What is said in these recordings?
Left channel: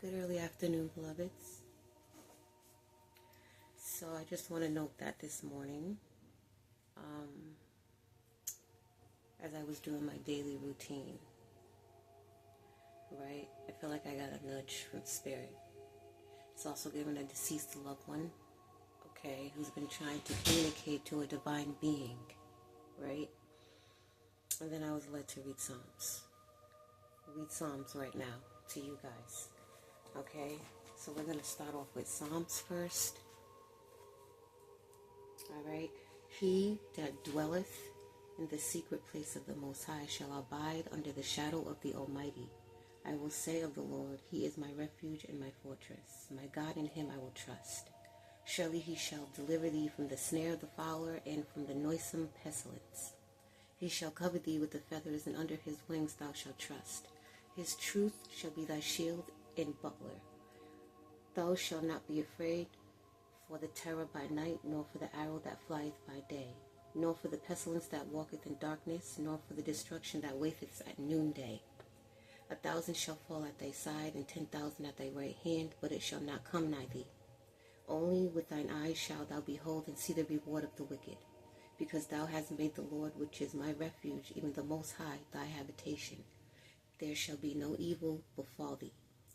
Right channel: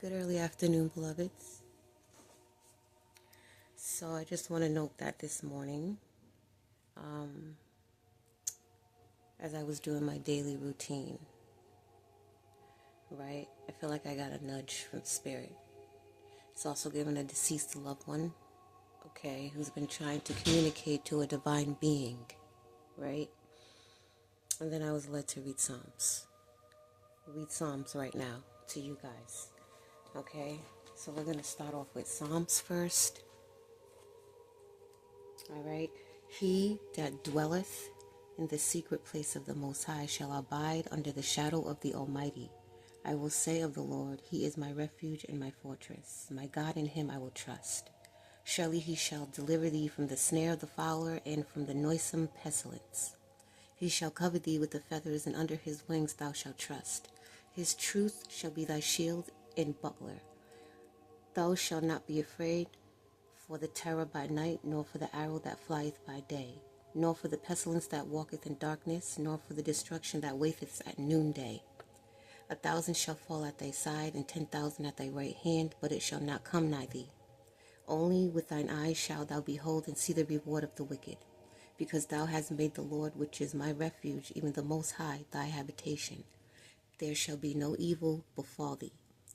Good early afternoon, beloveds. So I just want to note that this morning, as I was doing my daily routine, right, I feel like I got a nudge from Spirit. It's also given a deceased loved one, okay, who's been trying to communicate to a divine being, right? And then I was led to read Psalms. Read Psalms right now to you guys, okay? So we're going to start off with Psalms first. All right. He that dwelleth in the secret place of the Most High shall abide under the shadow of the Almighty. I will say of the Lord, He is my refuge and my fortress. My God, in Him I will trust. Surely He shall deliver thee from the snare of the fowler and from the noisome pestilence. He shall cover thee with the feathers, and under His wings thou shalt trust. His truth shall be thy shield and buckler. Thou shalt not be afraid for the terror by night, nor for the arrow that flieth by day, nor for the pestilence that walketh in darkness, nor for the destruction that waiteth at noonday. 1,000 shall fall at thy side, and 10,000 at thy right hand, but it shall not come nigh thee. Only with thine eyes shalt thou behold and see the reward of the wicked, because thou hast made the Lord, which is my refuge, even the Most High, thy habitation. There shall be no evil befall thee,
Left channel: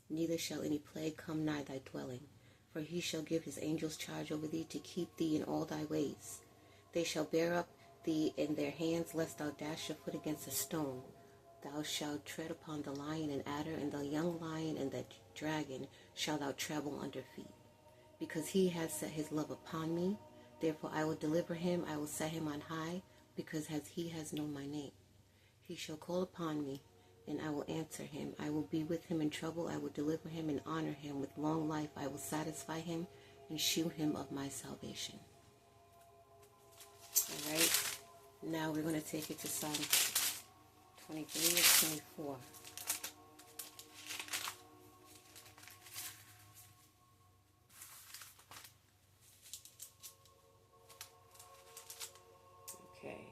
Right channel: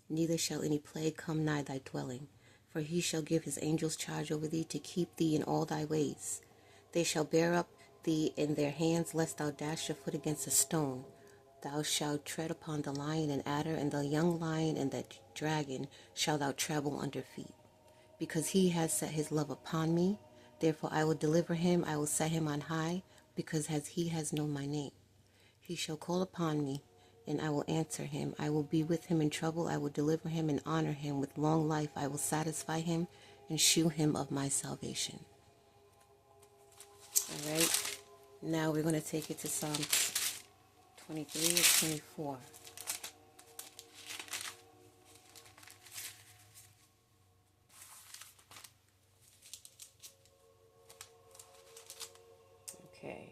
neither shall any plague come nigh thy dwelling. For He shall give His angels charge over thee to keep thee in all thy ways. They shall bear up thee in their hands, lest thou dash your foot against a stone. Thou shalt tread upon the lion and adder, and the young lion and the dragon shall thou trample under feet. Because He has set His love upon me, therefore I will deliver him, I will set him on high, because He has known my name. He shall call upon me, and I will answer him. I will be with him in trouble. I will deliver him and honor him. With long life I will satisfy him and shew him of my salvation. All right. Now we're going to take it to Psalms 23 or 24. Okay.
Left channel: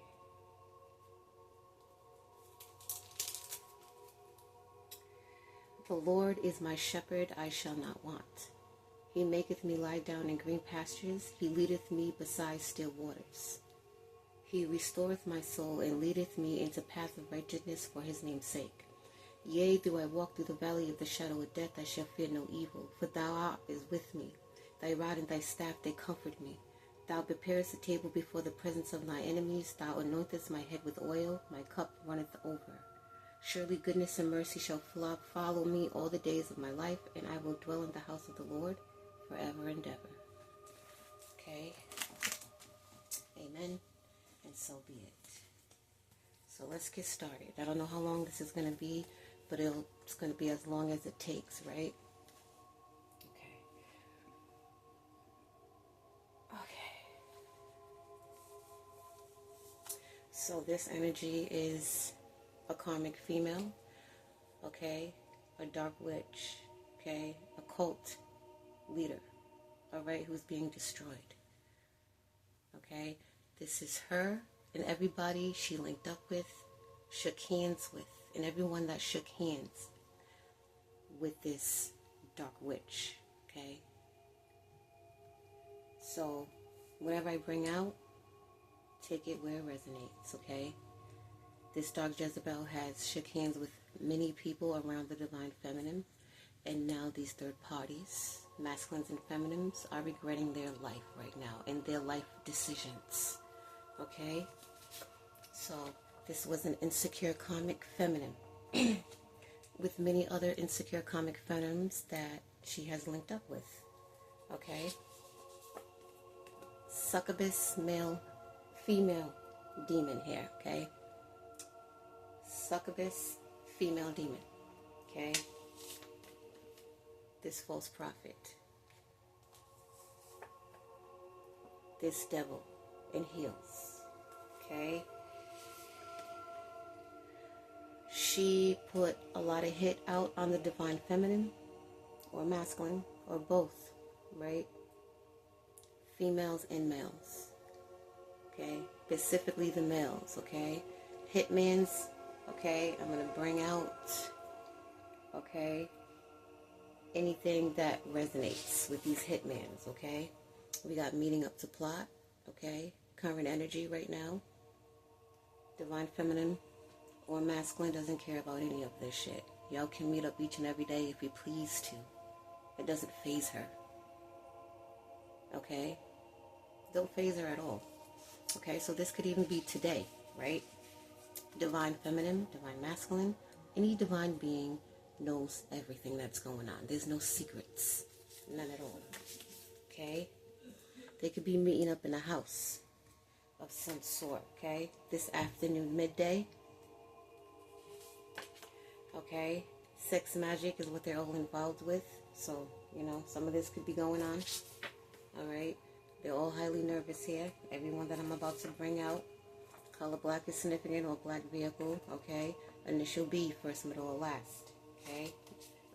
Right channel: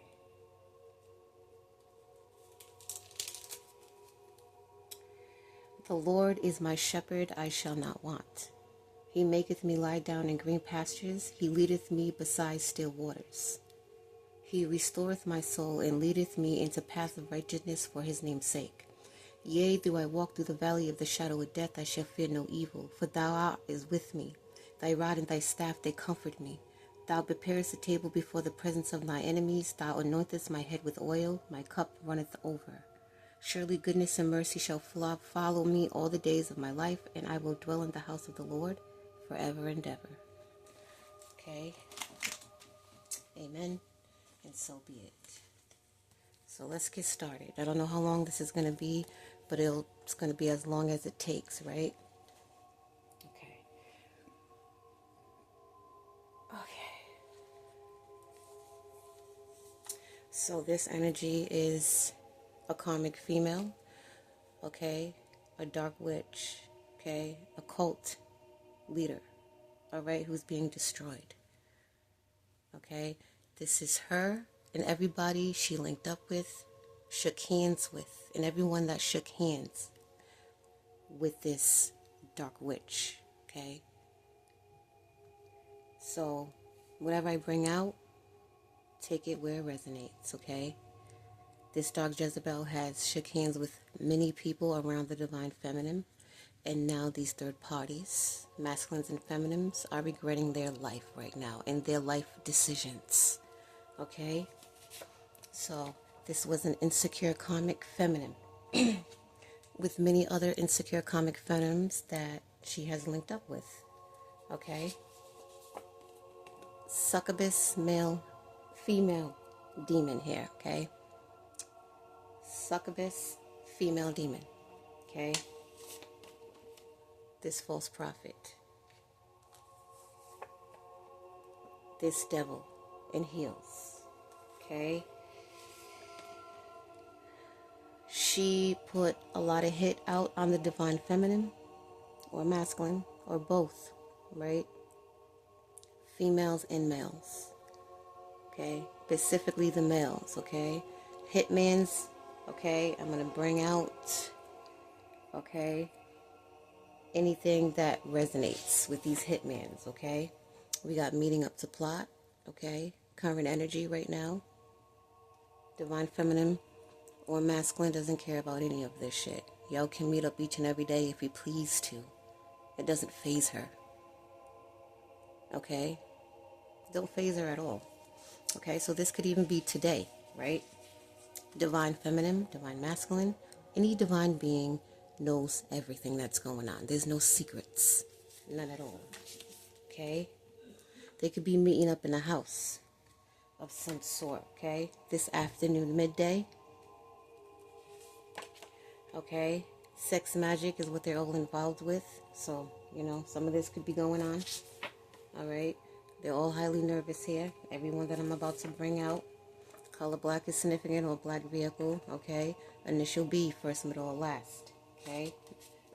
The Lord is my shepherd, I shall not want. He maketh me lie down in green pastures. He leadeth me beside still waters. He restoreth my soul, and leadeth me into paths of righteousness for His name's sake. Yea, though I walk through the valley of the shadow of death, I shall fear no evil, for Thou art with me. Thy rod and Thy staff, they comfort me. Thou preparest a table before the presence of my enemies. Thou anointest my head with oil. My cup runneth over. Surely goodness and mercy shall follow me all the days of my life, and I will dwell in the house of the Lord forever and ever. Okay. Amen. And so be it. So let's get started. I don't know how long this is going to be, but it's going to be as long as it takes, right? Okay. So this energy is a karmic female, okay, a dark witch, okay, a cult leader, all right, who's being destroyed, okay. This is her and everybody she linked up with, shook hands with, and everyone that shook hands with this dark witch, okay. So whatever I bring out, take it where it resonates, okay. This dark Jezebel has shook hands with many people around the divine feminine, and now these third parties, masculines and feminines, are regretting their life right now and their life decisions, okay? So this was an insecure karmic feminine with many other insecure karmic feminines that she has linked up with, okay? Succubus, male, female demon here, okay? Succubus, female demon, okay? This false prophet, this devil in heels, okay? She put a lot of hit out on the divine feminine or masculine or both, right? Females and males, okay? Specifically the males, okay? Hitman's, okay? I'm going to bring out, okay? anything that resonates with these hitmans, okay? We got meeting up to plot, okay? Current energy right now. Divine feminine or masculine doesn't care about any of this shit. Y'all can meet up each and every day if you please to. It doesn't faze her. Okay? Don't faze her at all. Okay, so this could even be today, right? Divine feminine, divine masculine. Any divine being knows everything that's going on. There's no secrets. None at all. Okay? They could be meeting up in a house of some sort, okay? This afternoon, midday. Okay? Sex magic is what they're all involved with. So, you know, some of this could be going on. Alright? They're all highly nervous here. Everyone that I'm about to bring out. Color black is significant, or black vehicle, okay? Initial B, first, middle, or last, okay?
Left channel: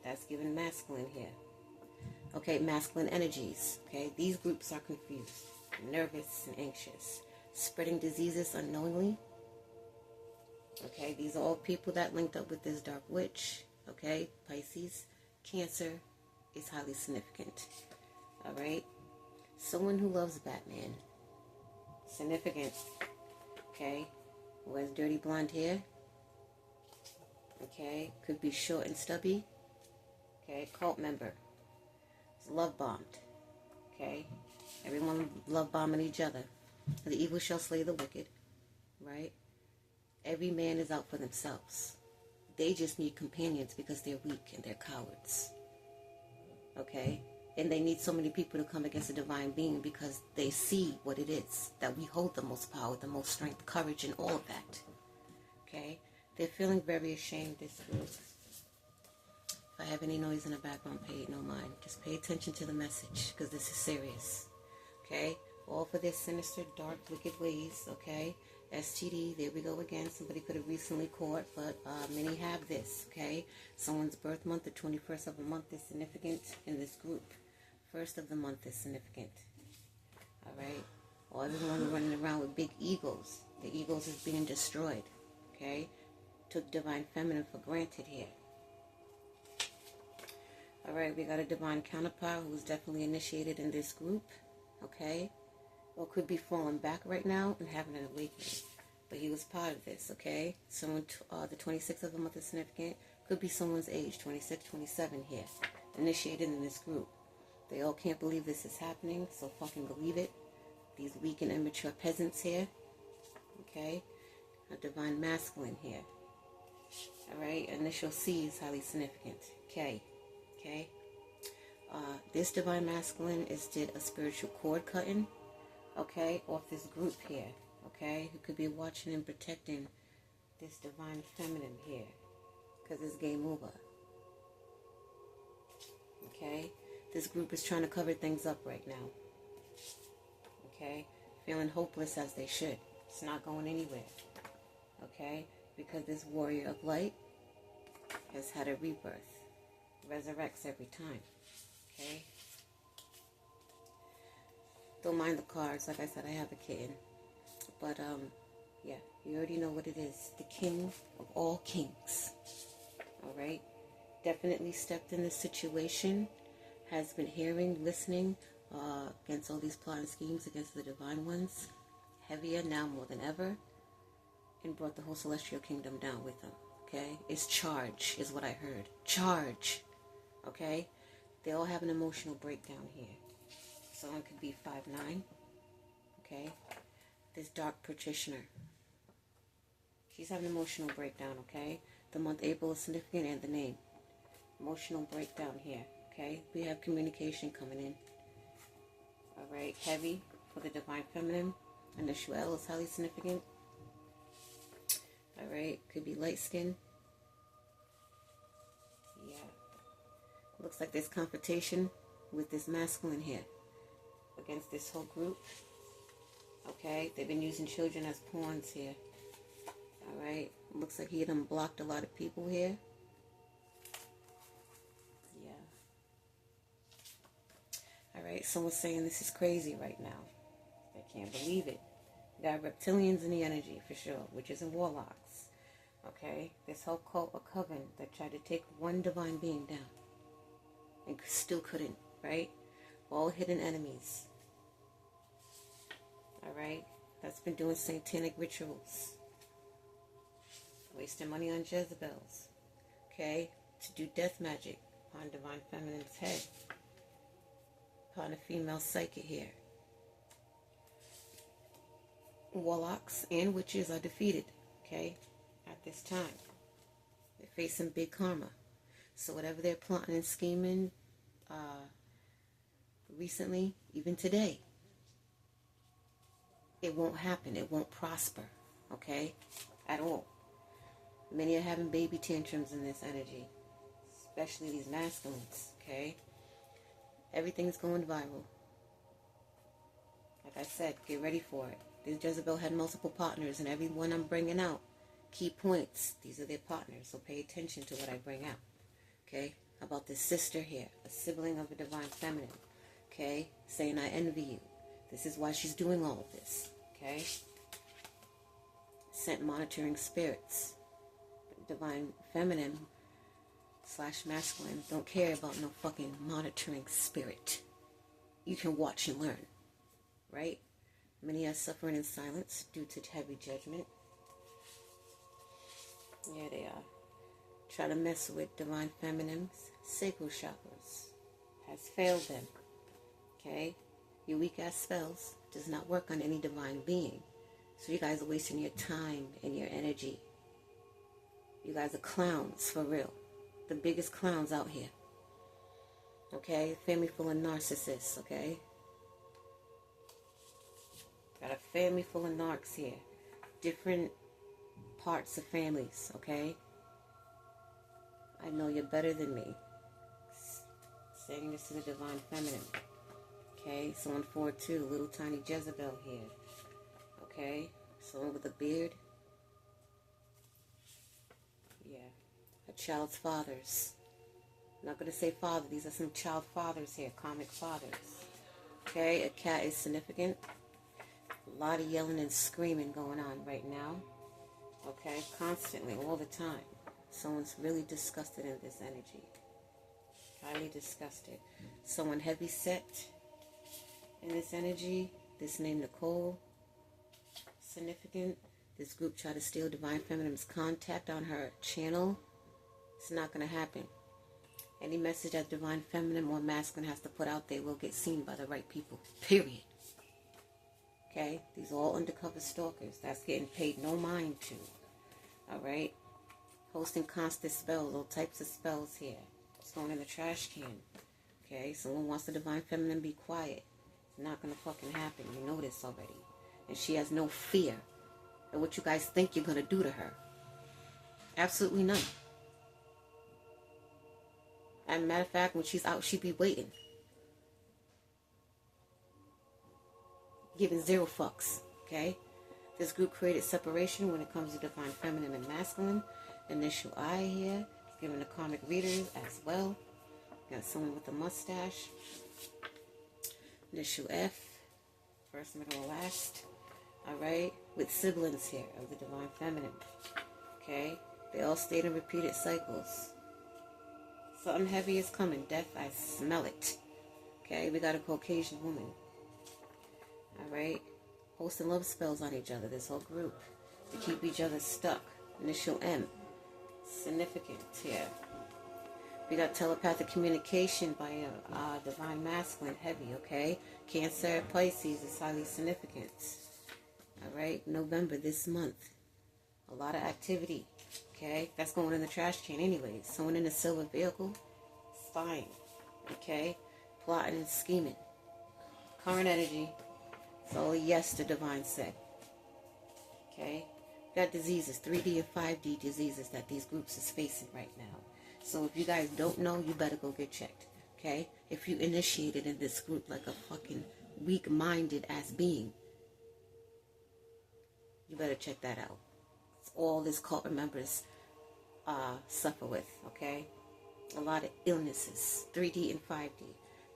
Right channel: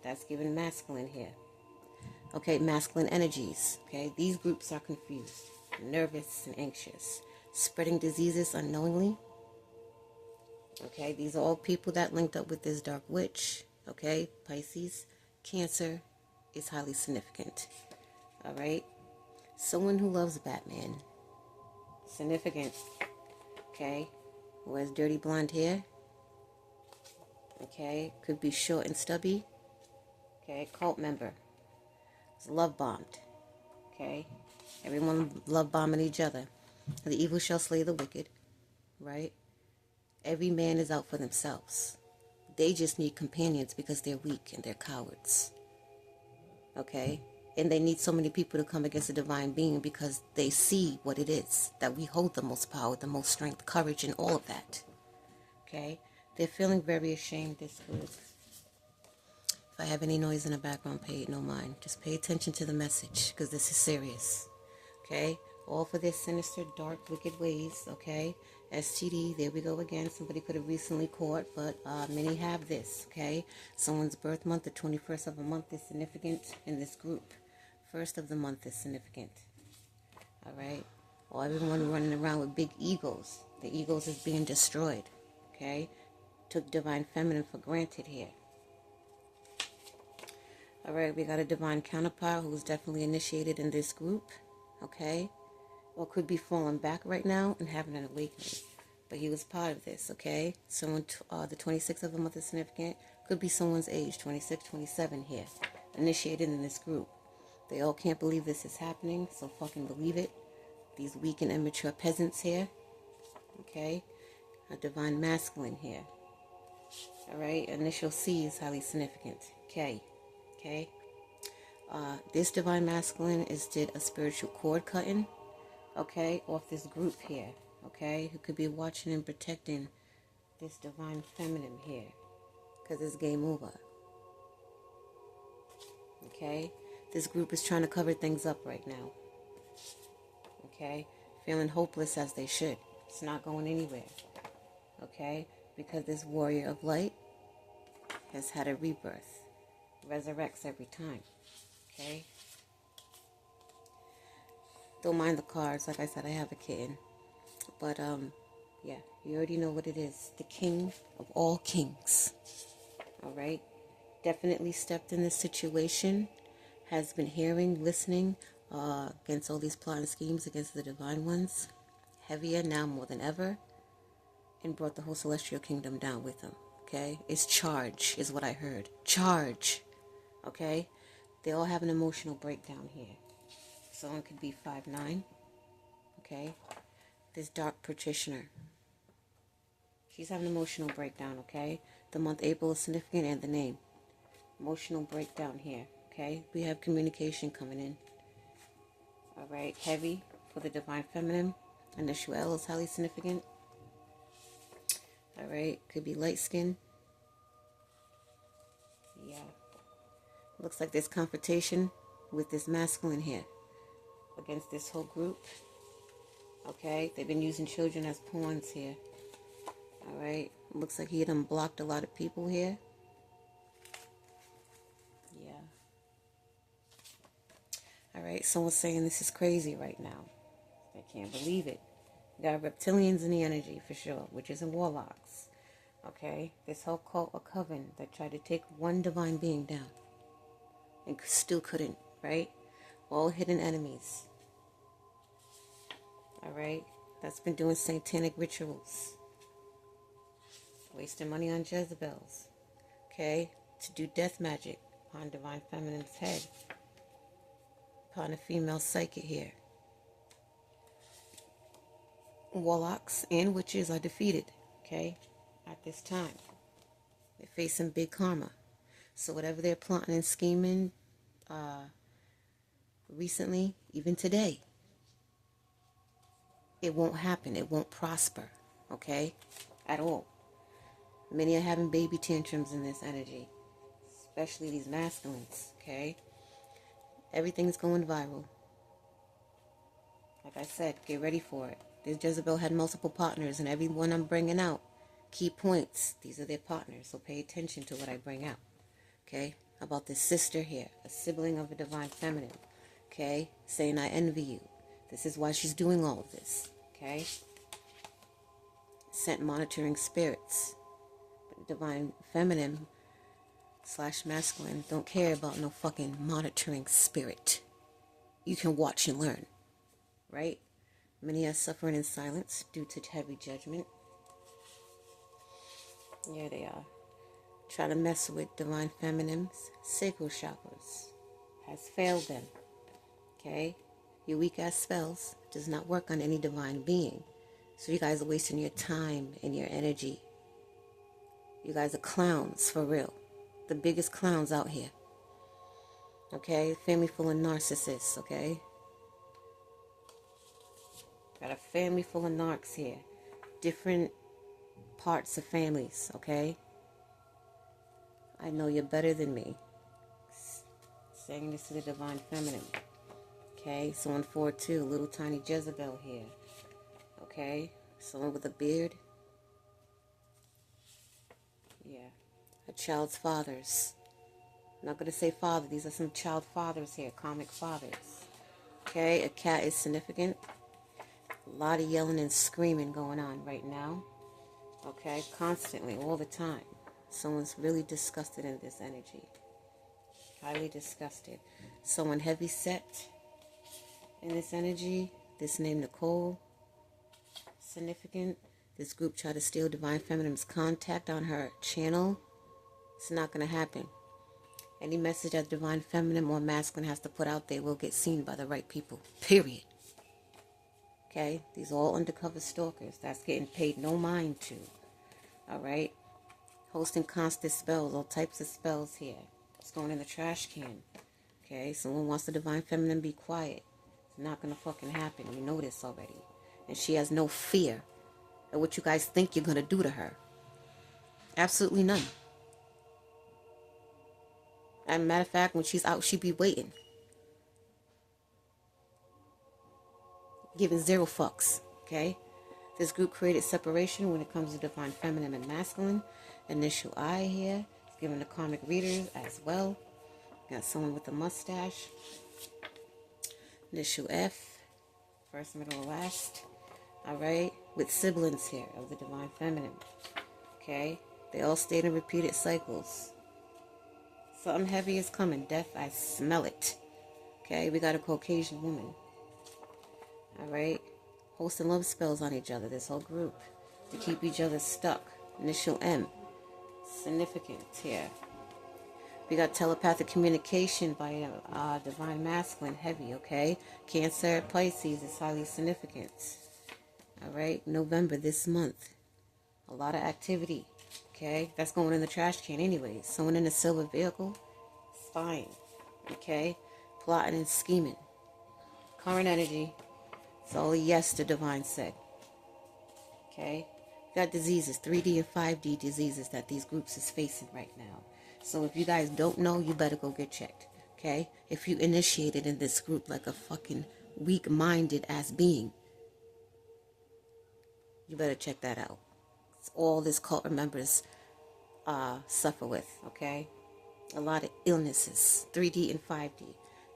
That's given masculine here. Okay, masculine energies, okay? These groups are confused, nervous, and anxious. Spreading diseases unknowingly. Okay, these are all people that linked up with this dark witch, okay? Pisces, Cancer is highly significant, all right? Someone who loves Batman, significant. Okay, who has dirty blonde hair. Okay, could be short and stubby. Okay, cult member. It's love bombed. Okay, everyone love bombing each other. The evil shall slay the wicked. Right? Every man is out for themselves. They just need companions because they're weak and they're cowards. Okay? And they need so many people to come against a divine being because they see what it is, that we hold the most power, the most strength, courage, and all of that. Okay? They're feeling very ashamed, this group. If I have any noise in the background, pay it no mind. Just pay attention to the message, because this is serious. Okay? All for their sinister, dark, wicked ways. Okay? STD, there we go again. Somebody could have recently caught, but many have this. Okay? Someone's birth month, the 21st of a month, is significant in this group. First of the month is significant. Alright? Or everyone running around with big egos. The egos is being destroyed. Okay? Took divine feminine for granted here. Alright, we got a divine counterpart who's definitely initiated in this group. Okay? Or could be falling back right now and having an awakening. But he was part of this, okay? Someone, the 26th of the month is significant. Could be someone's age, 26, 27 here. Initiated in this group. They all can't believe this is happening, so fucking believe it. These weak and immature peasants here. Okay? A divine masculine here. Alright? Initial C is highly significant. K. Okay? This divine masculine did a spiritual cord cutting. Okay? Off this group here. Okay? Who could be watching and protecting this divine feminine here. Because it's game over. Okay? This group is trying to cover things up right now. Okay? Feeling hopeless as they should. It's not going anywhere. Okay? Because this warrior of light has had a rebirth. Resurrects every time. Okay? Don't mind the cards. Like I said, I have a kitten. But, yeah. You already know what it is. The king of all kings. Alright? Definitely stepped in this situation. Has been hearing, listening against all these plot and schemes against the divine ones. Heavier now more than ever. And brought the whole celestial kingdom down with them. Okay? It's charge is what I heard. Charge. Okay? They all have an emotional breakdown here. Someone could be 5'9". Okay? This dark practitioner. She's having an emotional breakdown, okay? The month April is significant and the name. Emotional breakdown here. Okay, we have communication coming in. Alright, heavy for the divine feminine. And the Shuel is highly significant. Alright, could be light skin. Yeah. Looks like there's confrontation with this masculine here. Against this whole group. Okay, they've been using children as pawns here. Alright, looks like he done blocked a lot of people here. Alright, someone's saying this is crazy right now. I can't believe it. You got reptilians in the energy for sure, witches and warlocks. Okay? This whole cult or coven that tried to take one divine being down. and still couldn't, right? All hidden enemies. Alright? That's been doing satanic rituals. Wasting money on Jezebels. Okay? To do death magic upon Divine Feminine's head. Upon a female psychic here. Warlocks and witches are defeated. Okay? At this time. They're facing big karma. So whatever they're plotting and scheming recently, even today, it won't happen. It won't prosper. Okay? At all. Many are having baby tantrums in this energy. Especially these masculines. Okay? Everything's going viral. Like I said, get ready for it. This Jezebel had multiple partners, and every one I'm bringing out, key points. These are their partners, so pay attention to what I bring out. Okay? About this sister here, a sibling of a Divine Feminine. Okay? Saying, I envy you. This is why she's doing all of this. Okay? Sent monitoring spirits. Divine Feminine / masculine don't care about no fucking monitoring spirit. You can watch and learn. Right? Many are suffering in silence due to heavy judgment. Yeah, they are. Try to mess with Divine Feminine's sacral chakras. Has failed them. Okay? Your weak ass spells does not work on any divine being. So you guys are wasting your time and your energy. You guys are clowns, for real. The biggest clowns out here. Okay? Family full of narcissists, okay? Got a family full of narcs here. Different parts of families, okay? I know you're better than me. Saying this to the Divine Feminine. Okay? So on 4-2, little tiny Jezebel here. Okay? Someone with a beard. Yeah. A child's fathers. I'm not going to say father. These are some child fathers here. Comic fathers. Okay? A cat is significant. A lot of yelling and screaming going on right now. Okay? Constantly, all the time. Someone's really disgusted in this energy. Highly disgusted. Someone heavy set in this energy. This name Nicole. Significant. This group tried to steal Divine Feminine's contact on her channel. It's not going to happen. Any message that Divine Feminine or Masculine has to put out there will get seen by the right people. Period. Okay? These are all undercover stalkers. That's getting paid no mind to. Alright? Hosting constant spells. All types of spells here. It's going in the trash can. Okay? Someone wants the Divine Feminine to be quiet. It's not going to fucking happen. You know this already. And she has no fear of what you guys think you're going to do to her. Absolutely none. As a matter of fact, when she's out, she be waiting. Giving zero fucks. Okay? This group created separation when it comes to Divine Feminine and Masculine. Initial I here. It's giving the karmic readers as well. Got someone with a mustache. Initial F. First, middle, and last. Alright? With siblings here of the Divine Feminine. Okay? They all stayed in repeated cycles. Something heavy is coming. Death, I smell it. Okay? We got a Caucasian woman. Alright? Hosting love spells on each other. This whole group. To keep each other stuck. Initial M. Significant here. We got telepathic communication by a Divine Masculine. Heavy, okay? Cancer, Pisces is highly significant. Alright? November this month. A lot of activity. Okay? That's going in the trash can anyways. Someone in a silver vehicle. It's fine. Okay? Plotting and scheming. Current energy. It's all a yes, the Divine said. Okay? Got diseases. 3D and 5D diseases that these groups is facing right now. So if you guys don't know, you better go get checked. Okay? If you initiated in this group like a fucking weak-minded ass being, you better check that out. It's all this cult members suffer with, okay? A lot of illnesses, 3D and 5D.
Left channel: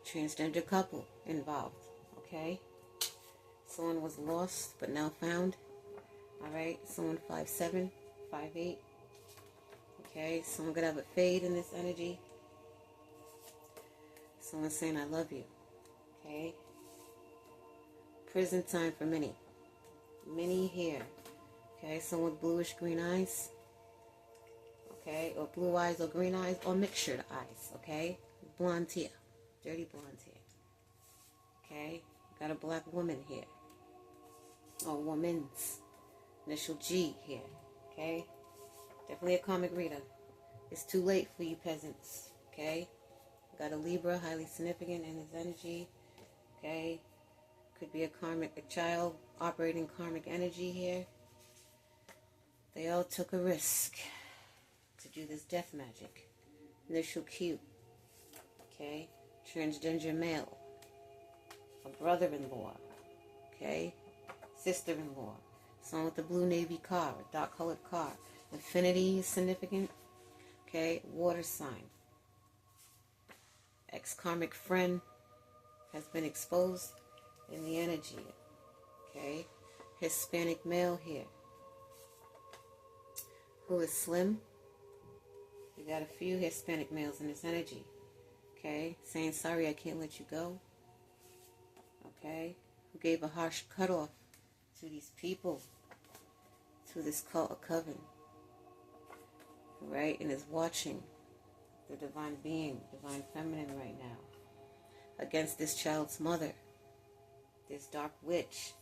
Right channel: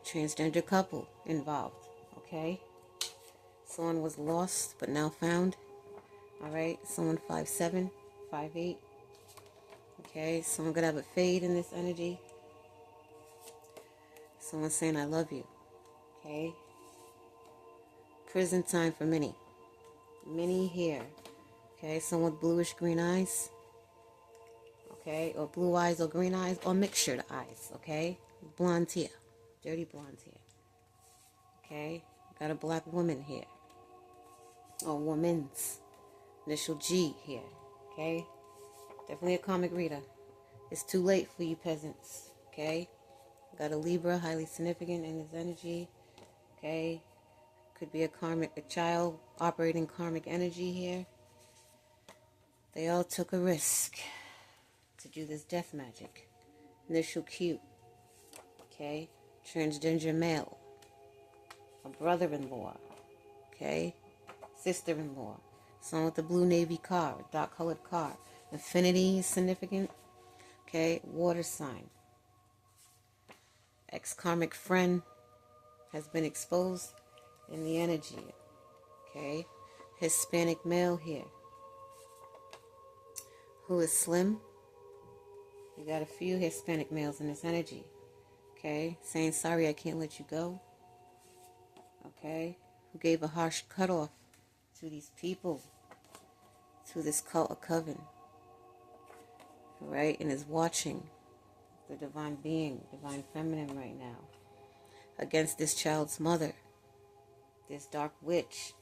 Transgender couple involved, okay? Someone was lost but now found. Alright, someone 5'7", 5'8". Okay, someone gonna have a fade in this energy. Someone saying I love you. Okay. Prison time for Minnie. Minnie here. Okay, someone with bluish green eyes. Okay, or blue eyes or green eyes or mixtured eyes. Okay, blonde hair, dirty blonde hair. Okay, got a black woman here. Or woman's. Initial G here. Okay, definitely a karmic reader. It's too late for you peasants. Okay, got a Libra, highly significant in his energy. Okay, could be a child operating karmic energy here. They all took a risk to do this death magic. Initial Q. Okay, transgender male. A brother-in-law. Okay, sister-in-law. Someone with a blue navy car, a dark colored car. Infinity is significant. Okay, water sign. Ex-karmic friend has been exposed in the energy. Okay, Hispanic male here. Who is slim? We got a few Hispanic males in this energy. Okay, saying sorry I can't let you go. Okay, who gave a harsh cutoff to these people, to this cult of Coven. Right, and is watching the divine being, divine feminine right now, against this child's mother, this dark witch.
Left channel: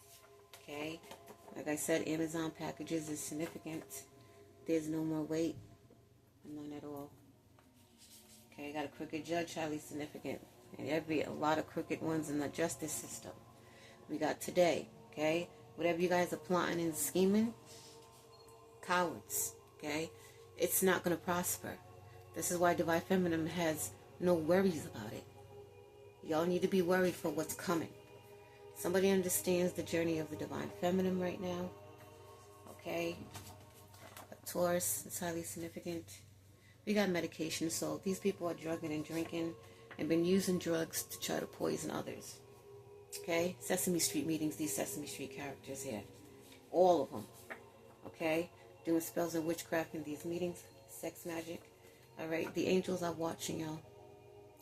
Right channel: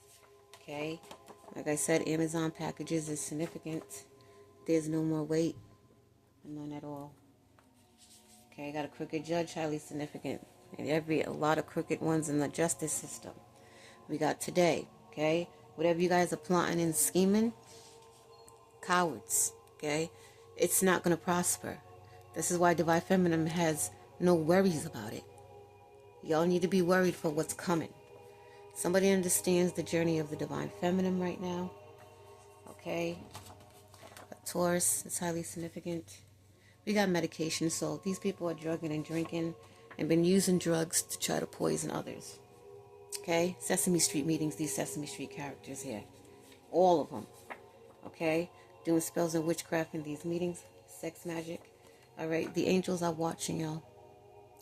Okay, like I said, Amazon packages is significant. There's no more weight, none at all. Okay, got a crooked judge, highly significant, and a lot of crooked ones in the justice system. We got today. Okay, whatever you guys are plotting and scheming, cowards. Okay, it's not going to prosper. This is why divine feminine has no worries about it. Y'all need to be worried for what's coming. Somebody understands the journey of the divine feminine right now. Okay, a Taurus is highly significant. We got medication, so these people are drugging and drinking and been using drugs to try to poison others. Okay, Sesame Street meetings, these Sesame Street characters here, all of them. Okay, doing spells and witchcraft in these meetings, sex magic. All right, the angels are watching y'all,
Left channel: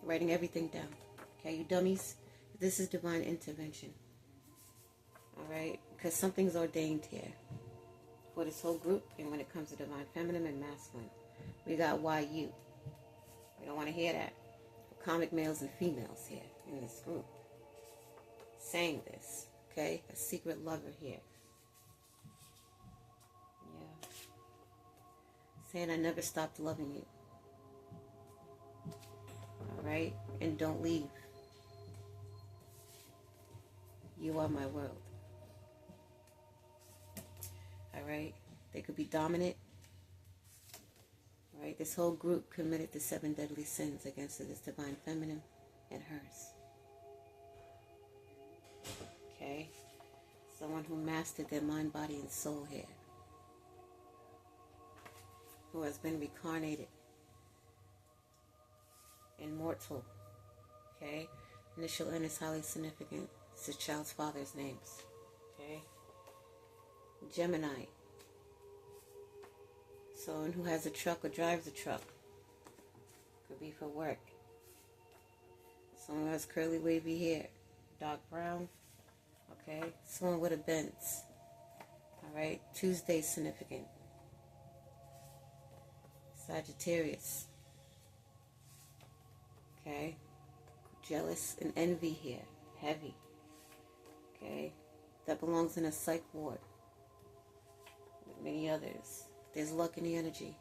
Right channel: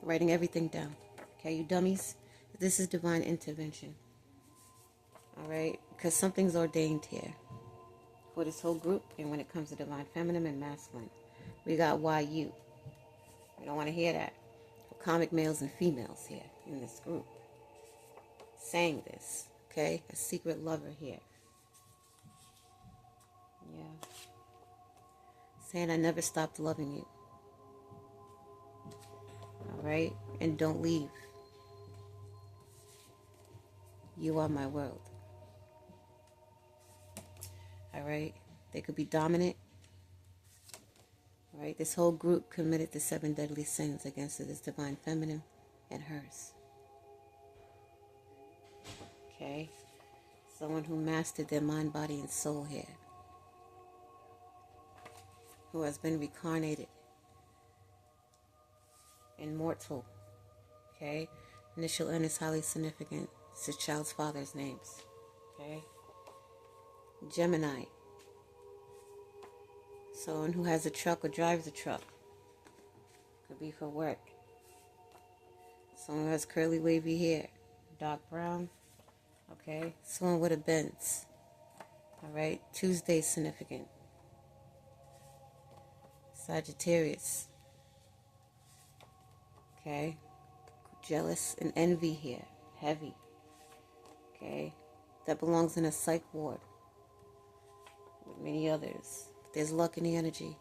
writing everything down. Okay, you dummies, this is divine intervention. All right, because something's ordained here for this whole group, and when it comes to divine feminine and masculine, we got YU. We don't want to hear that. Comic males and females here in this group saying this. Okay, a secret lover here. Yeah, saying I never stopped loving you. All right, and don't leave. You are my world. All right, they could be dominant. All right, this whole group committed the 7 deadly sins against this divine feminine and hers. Okay, someone who mastered their mind, body, and soul here, who has been reincarnated, immortal. Okay, initial N is highly significant. It's the child's father's names. Okay, Gemini, someone who has a truck or drives a truck, could be for work. Someone who has curly wavy hair, dark brown. Okay, someone with a Benz. All right, Tuesday is significant. Sagittarius. Okay, jealous and envy here, heavy. Okay, that belongs in a psych ward with many others. There's luck in the energy.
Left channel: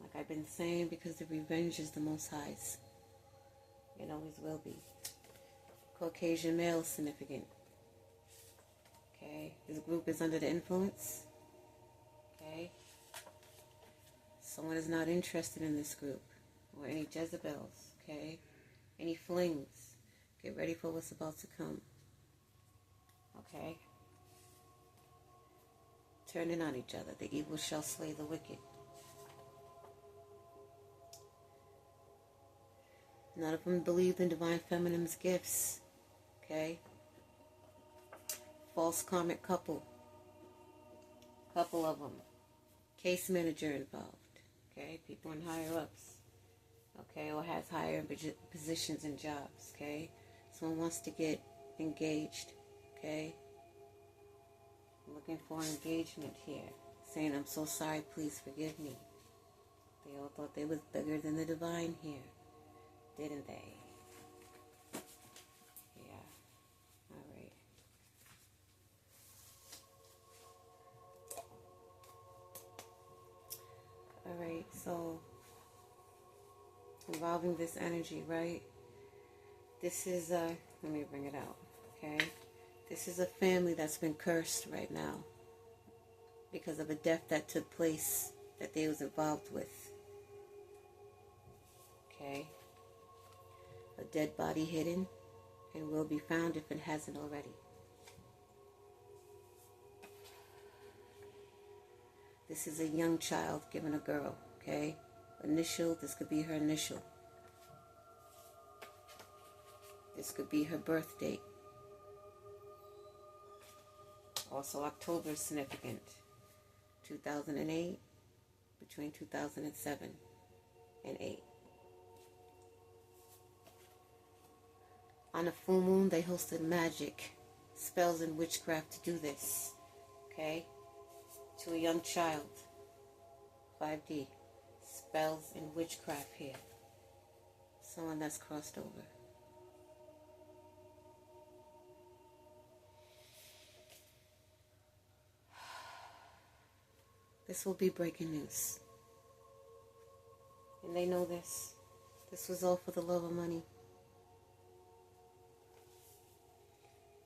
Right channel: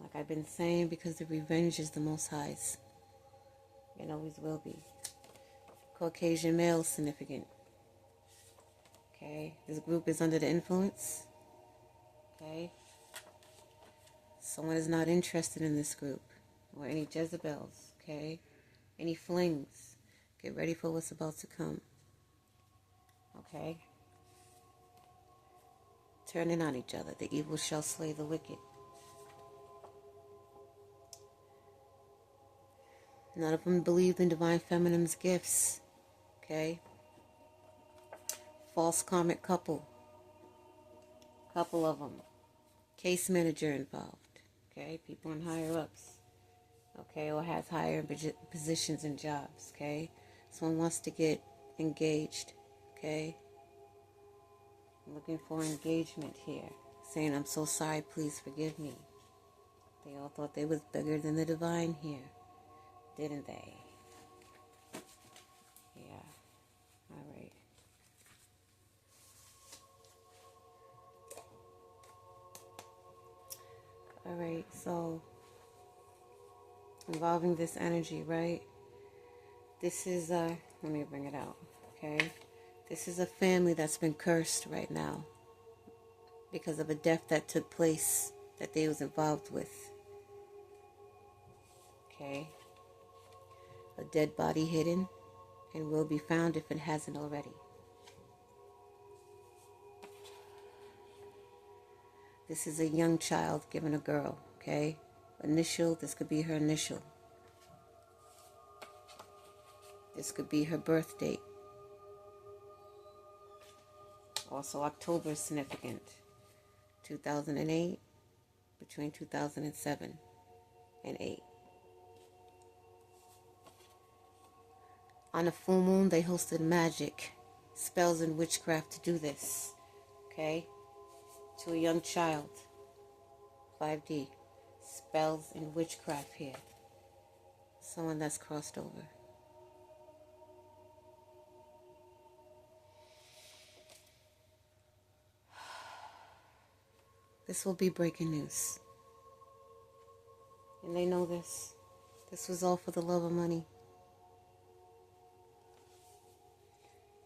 Like I've been saying, because the revenge is the Most High's. It always will be. Caucasian male significant. Okay, this group is under the influence. Okay, someone is not interested in this group, or any Jezebels. Okay, any flings. Get ready for what's about to come. Okay, turning on each other. The evil shall slay the wicked. None of them believed in divine feminine's gifts. Okay, false karmic couple of them, case manager involved. Okay, people in higher ups. okay, or has higher positions and jobs, okay? Someone wants to get engaged, okay? I'm looking for engagement here, saying, I'm so sorry, please forgive me. They all thought they was bigger than the divine here, didn't they? Yeah, all right. All right, so involving this energy, right? This is let me bring it out, okay? This is a family that's been cursed right now because of a death that took place that they was involved with, okay? A dead body hidden and will be found if it hasn't already. This is a young child given a girl, okay? Initial, this could be her initial. This could be her birth date. Also, October is significant. 2008, between 2007 and 8. On a full moon, they hosted magic, spells, and witchcraft to do this, okay? To a young child, 5D, spells and witchcraft here. Someone that's crossed over. This will be breaking news. And they know this. This was all for the love of money.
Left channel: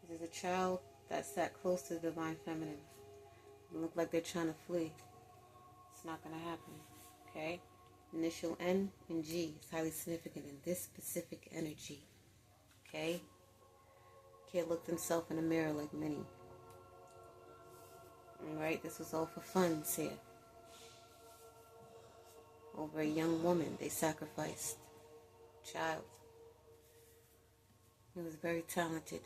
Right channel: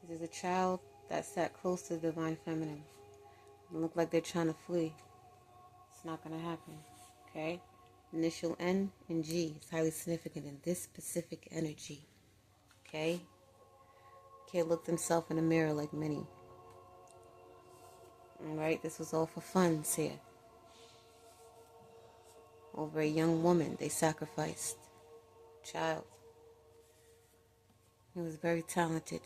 This is a child that sat close to the divine feminine. It look like they're trying to flee. It's not going to happen. Okay? Initial N and G is highly significant in this specific energy. Okay? Can't look themselves in the mirror like many. Alright, this was all for funds here. Over a young woman, they sacrificed. Child. He was very talented.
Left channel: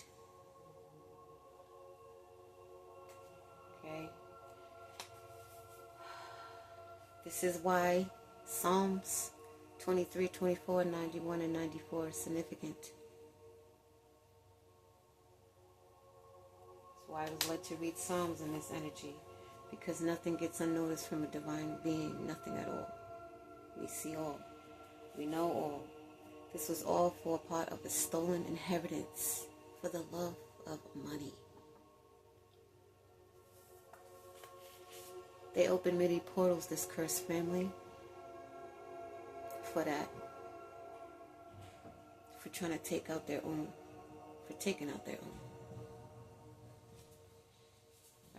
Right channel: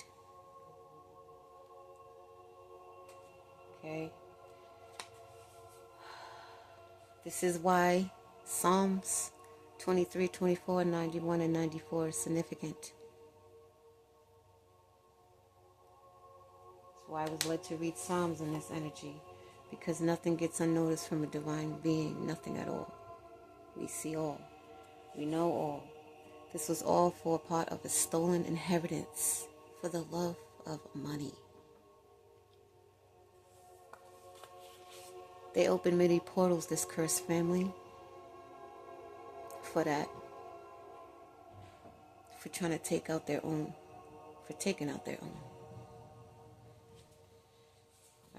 Okay? This is why Psalms 23, 24, 91, and 94 is significant. Why I was led to read Psalms in this energy, because nothing gets unnoticed from a divine being, nothing at all. We see all. We know all. This was all for a part of a stolen inheritance for the love of money. They opened many portals, this cursed family, for that. For trying to take out their own. For taking out their own.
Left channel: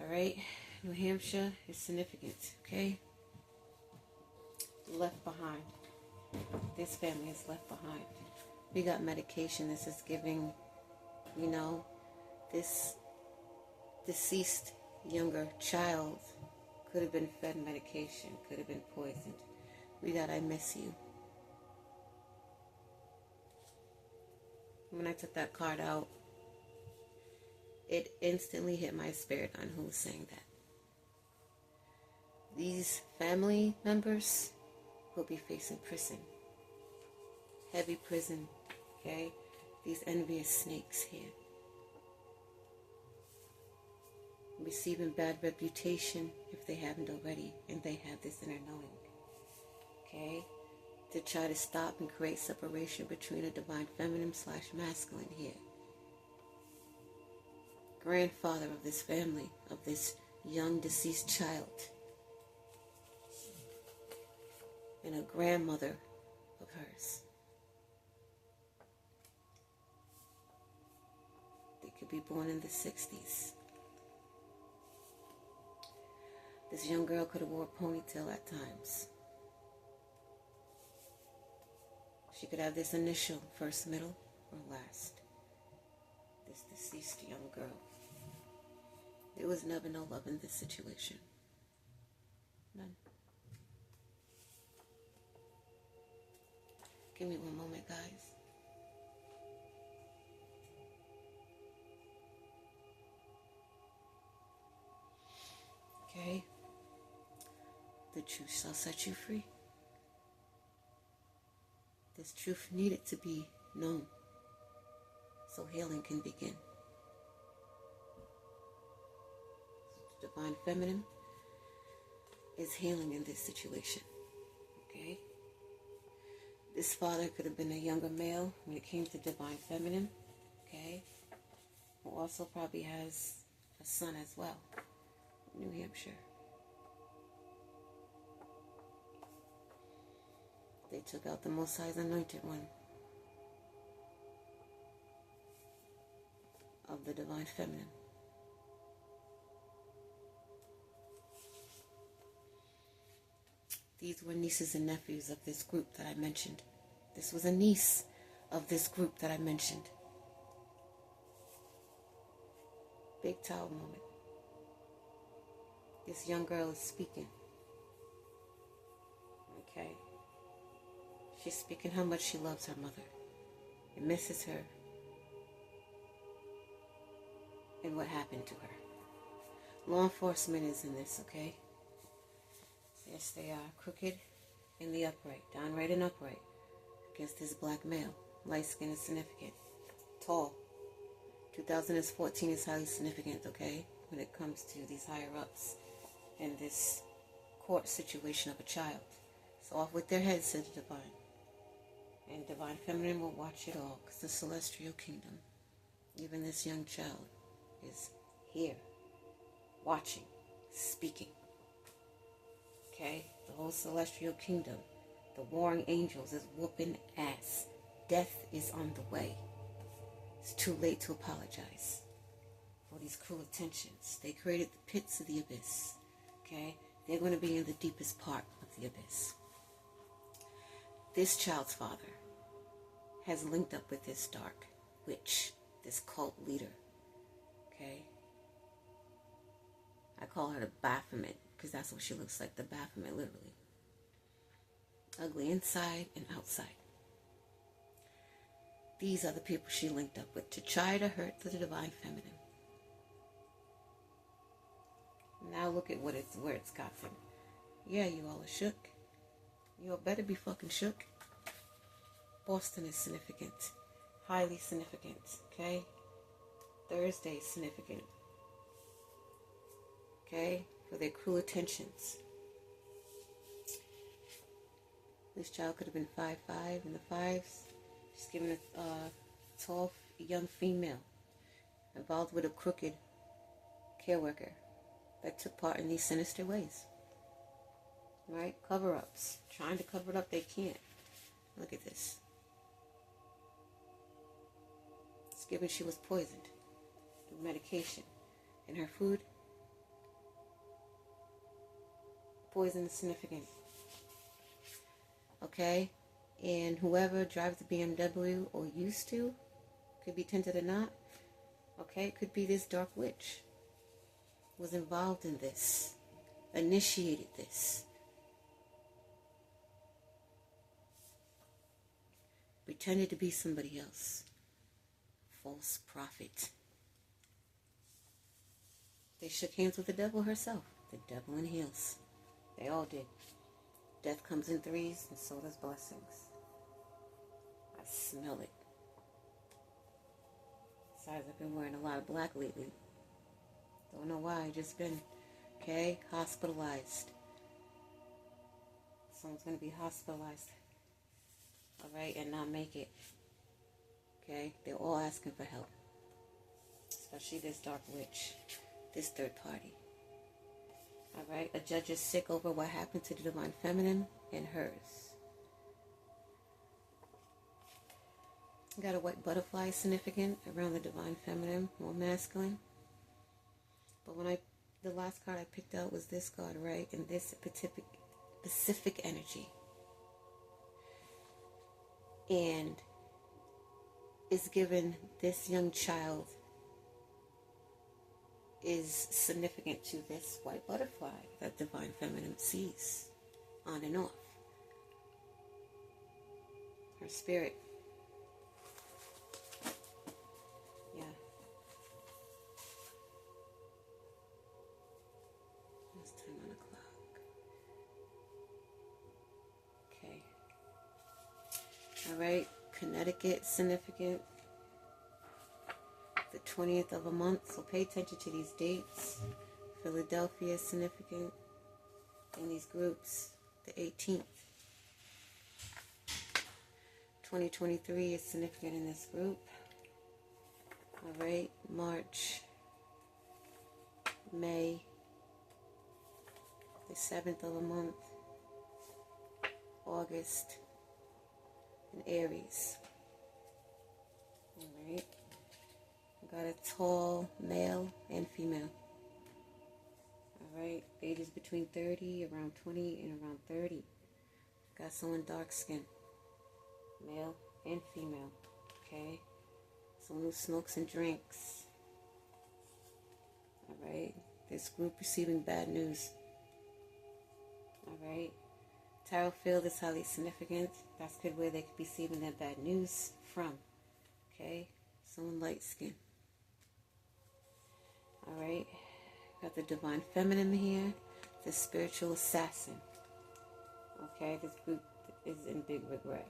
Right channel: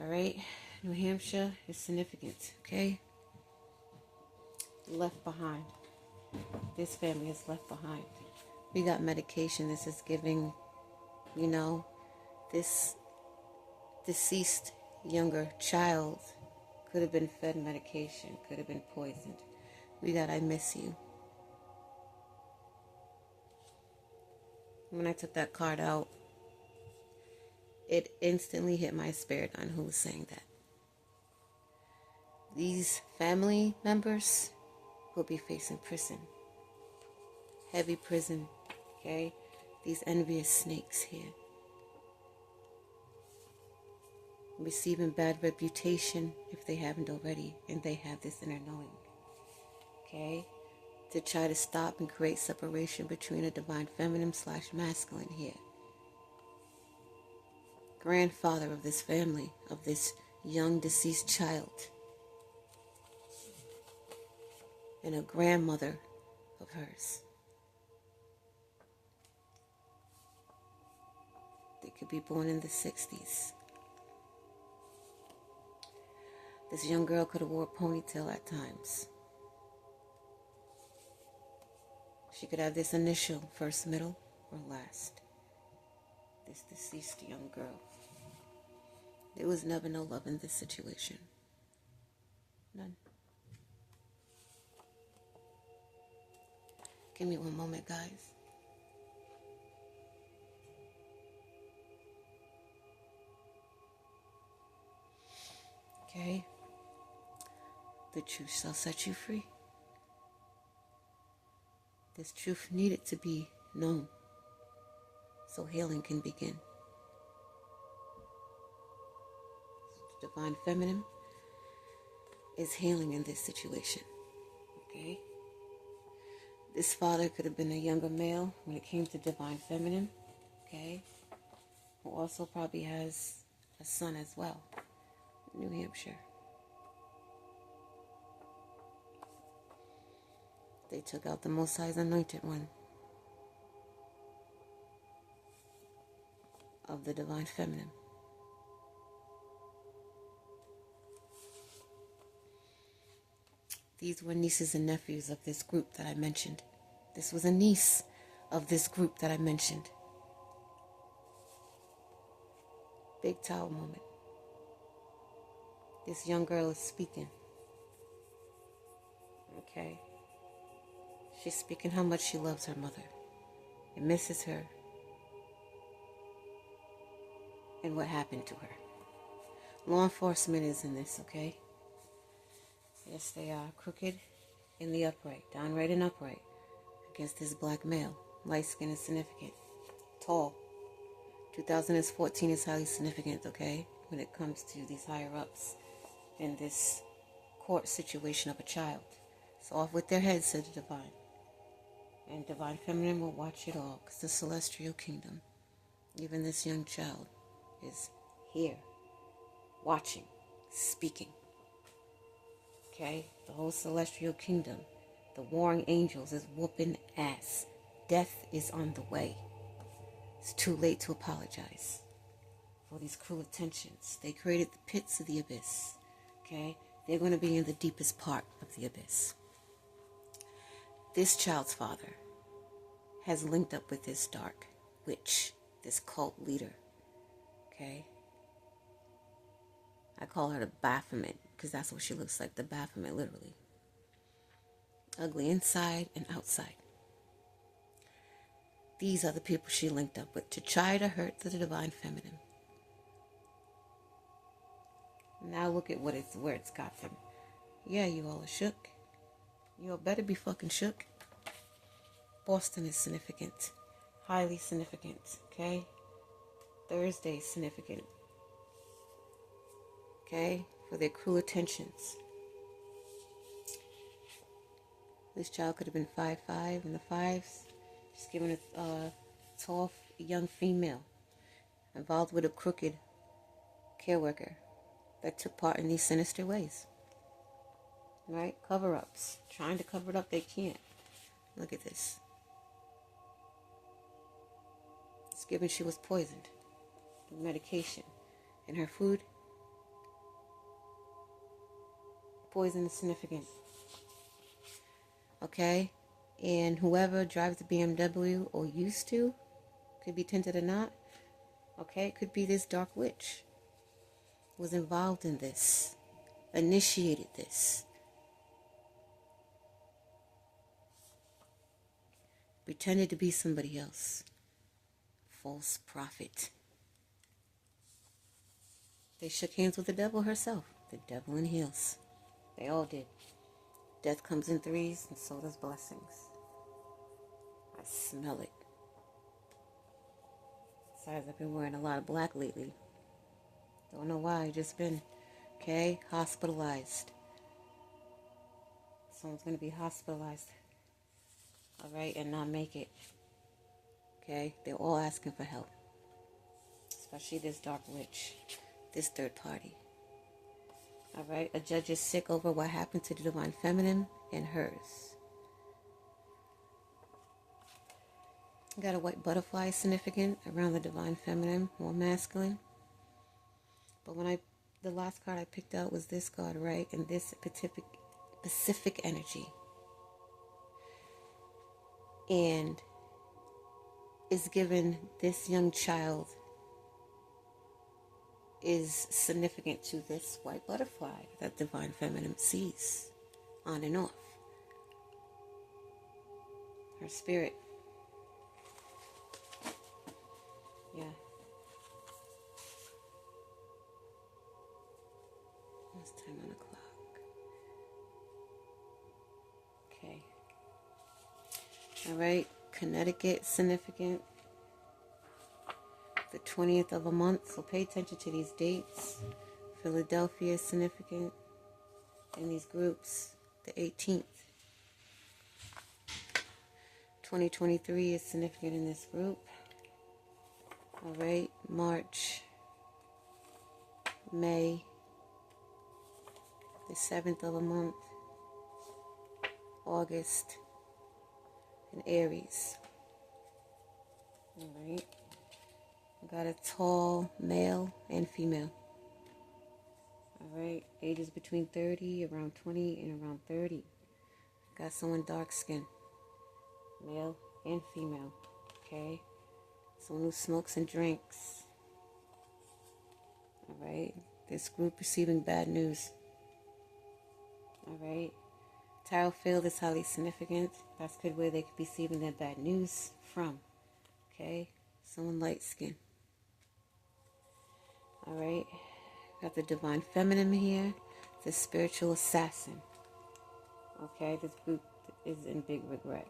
Alright, New Hampshire is significant, okay? Left behind. This family is left behind. We got medication. This is giving, this deceased younger child could have been fed medication, could have been poisoned. We got I miss you. When I took that card out, it instantly hit my spirit on who was saying that. These family members will be facing prison. Heavy prison, okay? These envious snakes here. Receiving bad reputation if they haven't already, and they have this inner knowing, okay? To try to stop and create separation between a divine feminine / masculine here. Grandfather of this family, of this young deceased child, and a grandmother of hers. They could be born in the 60s. This young girl could have wore a ponytail at times. She could have this initial, first, middle, or last. This deceased young girl. There was never no love in this situation. None. Give me one moment, guys. Okay? The truth shall set you free. This truth needed to be known so healing can begin. The divine feminine is healing in this situation. Okay? This father could have been a younger male when it came to divine feminine. Okay? Who also probably has a son as well. New Hampshire. They took out the Most High's anointed one of the divine feminine. These were nieces and nephews of this group that I mentioned. This was a niece of this group that I mentioned. Big tower moment. This young girl is speaking. Okay. She's speaking how much she loves her mother and misses her and what happened to her. Law enforcement is in this, okay? Yes, they are crooked in the upright, downright and upright, against this black male. Light skin is significant. Tall. 2014 is highly significant, okay? When it comes to these higher ups in this court situation of a child. So off with their heads, said the divine. And divine feminine will watch it all, because the celestial kingdom, even this young child, is here, watching, speaking. Okay? The whole celestial kingdom, the warring angels is whooping ass. Death is on the way. It's too late to apologize for these cruel attentions. They created the pits of the abyss. Okay? They're going to be in the deepest part of the abyss. This child's father has linked up with this dark witch, this cult leader. Okay? I call her the Baphomet because that's what she looks like, the Baphomet, literally. Ugly inside and outside. These are the people she linked up with to try to hurt the divine feminine. Now look at where it's got them. Yeah, you all are shook. You all better be fucking shook. Boston is significant. Highly significant, okay? Thursday is significant. Okay? For their cruel attentions. This child could have been 5'5" in the fives. Just given a tall, young female involved with a crooked care worker that took part in these sinister ways. Right? Cover-ups. Trying to cover it up, they can't. Look at this. It's given she was poisoned with medication. And her food, poison is significant. Okay? And whoever drives the BMW or used to, could be tinted or not, okay? It could be this dark witch was involved in this, initiated this. Pretended to be somebody else. False prophet. They shook hands with the devil herself. The devil in heels. They all did. Death comes in threes, and so does blessings. I smell it. Besides, I've been wearing a lot of black lately. Don't know why, I just been, okay, hospitalized. Someone's going to be hospitalized. Alright, and not make it. Okay, they're all asking for help. Especially this dark witch. This third party. Alright, a judge is sick over what happened to the divine feminine and hers. Got a white butterfly significant around the divine feminine, more masculine. But the last card I picked out was this card, right? And this Pacific energy. And is given this young child is significant to this white butterfly that divine feminine sees on and off. Her spirit. Yeah. It's 10 on the clock. Okay. All right, Connecticut, significant. The 20th of a month, so pay attention to these dates. Philadelphia is significant in these groups. The 18th. 2023 is significant in this group. All right, March, May, the 7th of a month, August, and Aries. All right, got a tall male and female. All right, ages between 30, around 20, and around 30. Got someone dark skinned, male and female. Okay, someone who smokes and drinks. All right, this group receiving bad news. All right, tarot field is highly significant. That's good where they could be receiving their bad news from. Okay, someone light skinned. All right, got the divine feminine here, the spiritual assassin. Okay, this group is in big regret.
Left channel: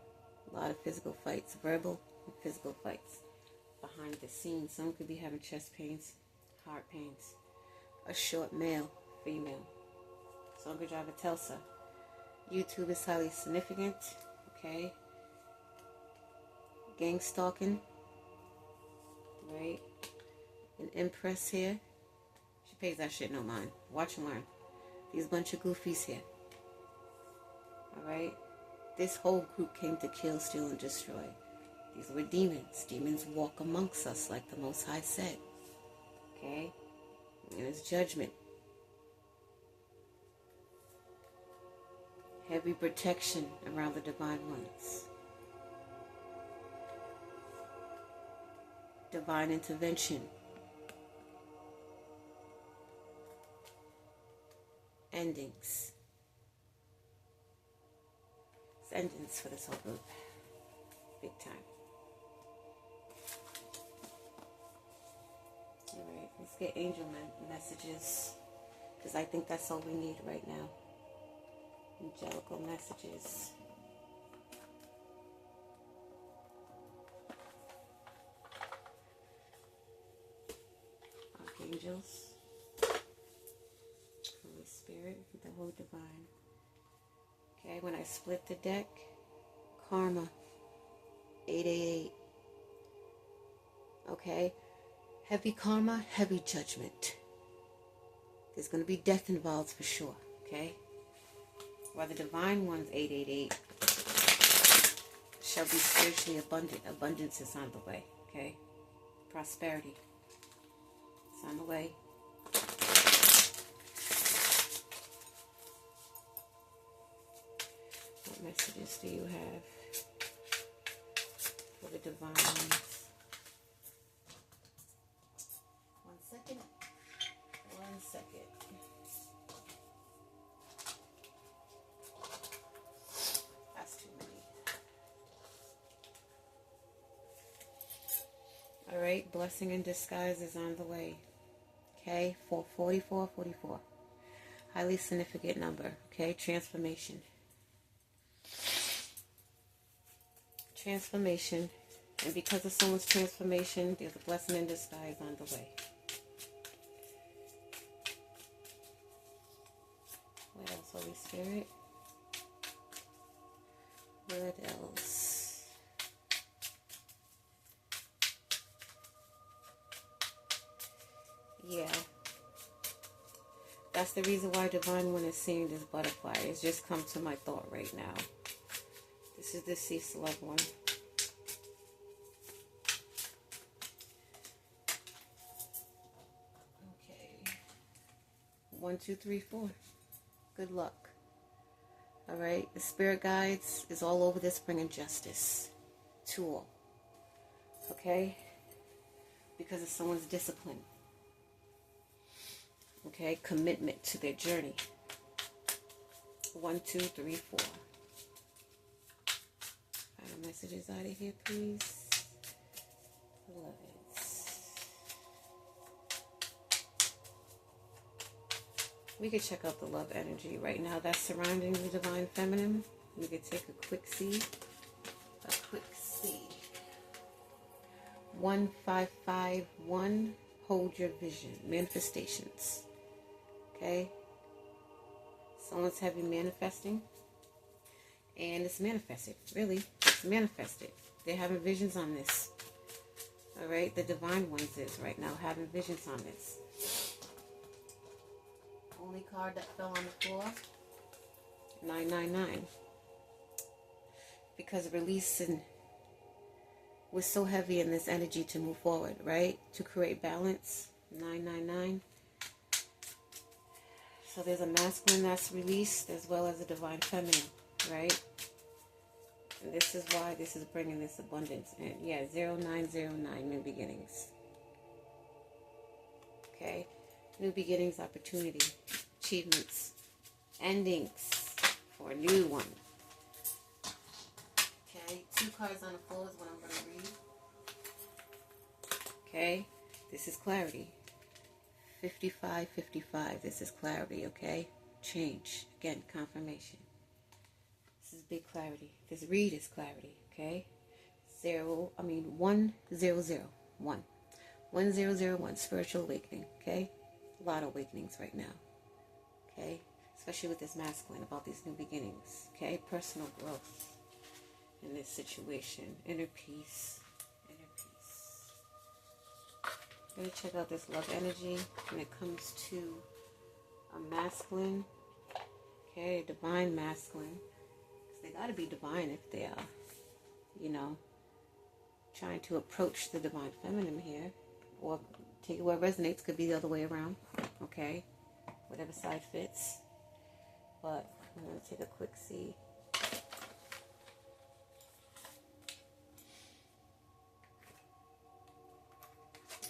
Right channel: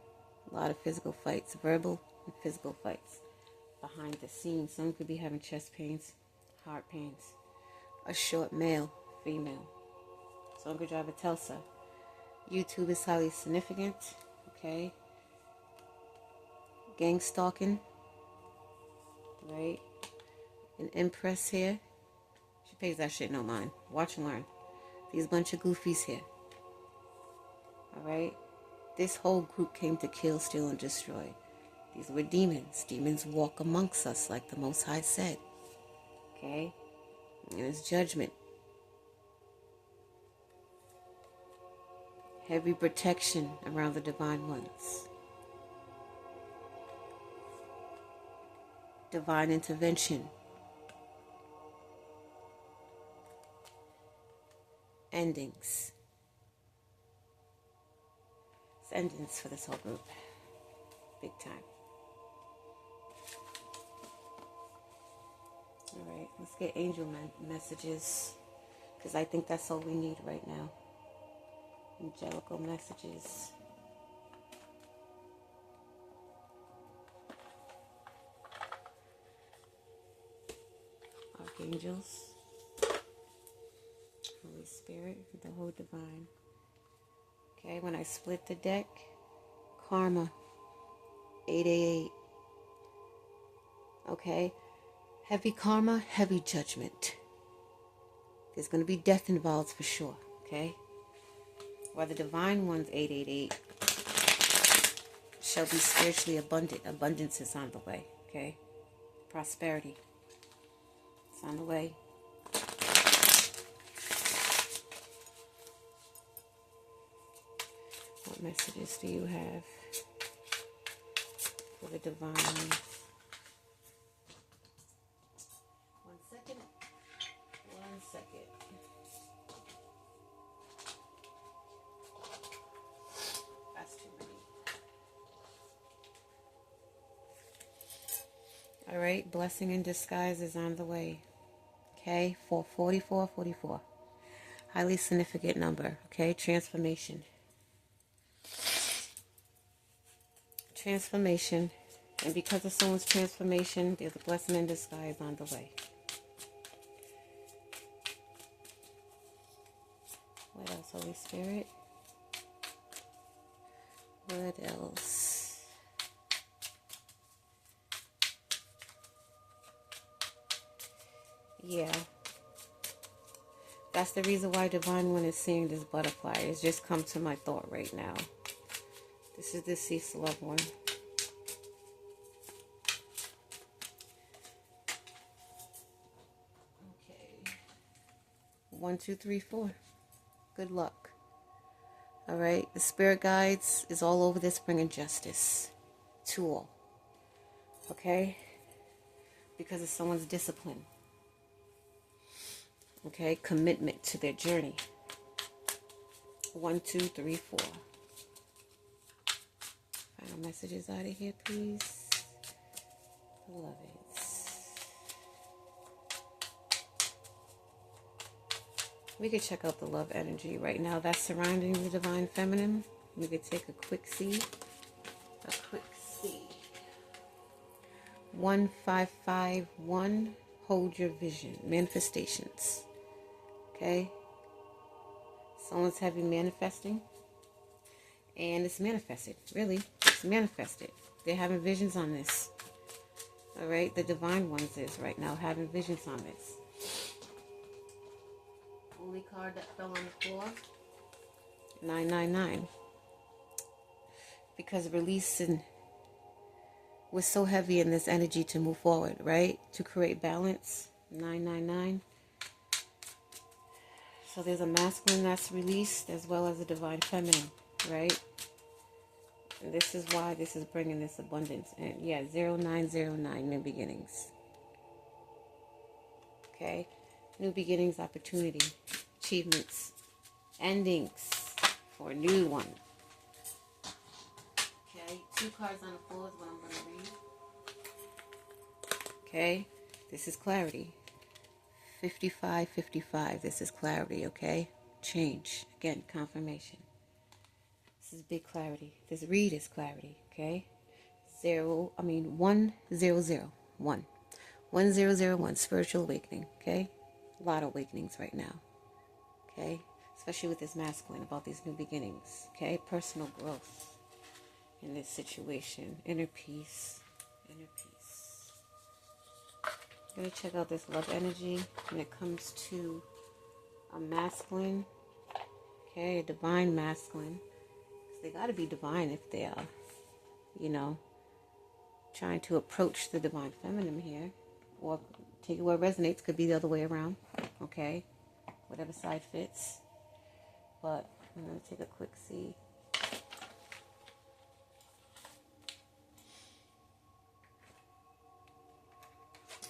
A lot of physical fights, verbal and physical fights. Behind the scenes, someone could be having chest pains, heart pains. A short male, female. Someone could drive a Telsa. YouTube is highly significant. Okay. Gang stalking. Right. An empress here. She pays that shit no mind. Watch and learn. These bunch of goofies here. Alright. This whole group came to kill, steal, and destroy. These were demons. Demons walk amongst us, like the Most High said. Okay? And it's judgment. Heavy protection around the divine ones. Divine intervention. Endings. It's endings for this whole group. Big time. Alright, let's get angel messages. Because I think that's all we need right now. Angelical messages. Archangels. Holy Spirit, the whole divine. Okay, when I split the deck, karma, 888. Okay, heavy karma, heavy judgment. There's going to be death involved for sure, okay? While the divine one's 888 shall be spiritually abundant. Abundance is on the way, okay? Prosperity. It's on the way. What messages do you have for the divine? 1 second. 1 second. That's too many. All right, blessing in disguise is on the way. Okay, 444. Highly significant number. Okay, transformation. Transformation. And because of someone's transformation, there's a blessing in disguise on the way. What else, Holy Spirit? What else? Yeah. That's the reason why Divine One is seeing this butterfly. It's just come to my thought right now. This is the deceased loved one. Okay. 1, 2, 3, 4. Good luck. All right. The spirit guides is all over this, bringing justice to all. Okay. Because of someone's discipline. Okay. Commitment to their journey. 1, 2, 3, 4. Final messages out of here, please. Love it. We could check out the love energy right now that's surrounding the divine feminine. We could take a quick see. A quick 1551, hold your vision. Manifestations. Okay? Someone's heavy manifesting. And it's manifested. Really. It's manifested. They're having visions on this. Alright? The divine ones is right now having visions on this. Only card that fell on the floor. 999. Because releasing was so heavy in this energy to move forward, right? To create balance. 999. So there's a masculine that's released as well as a divine feminine, right? And this is why this is bringing this abundance. And yeah, 0909, new beginnings. Okay? New beginnings, opportunity, achievements, endings for a new one. Okay? 2 cards on the floor is what I'm going to read. Okay? This is clarity. 5555. This is clarity, okay? Change. Again, confirmation. This is big clarity. This read is clarity, okay? 1001. 1001. Spiritual awakening, okay? A lot of awakenings right now, okay? Especially with this masculine, about these new beginnings, okay? Personal growth in this situation. Inner peace. Inner peace. I'm going to check out this love energy when it comes to a masculine, okay? A divine masculine. Because they got to be divine if they are, you know, trying to approach the divine feminine here. Or take it where it resonates. Could be the other way around, okay? Whatever side fits. But I'm going to take a quick see.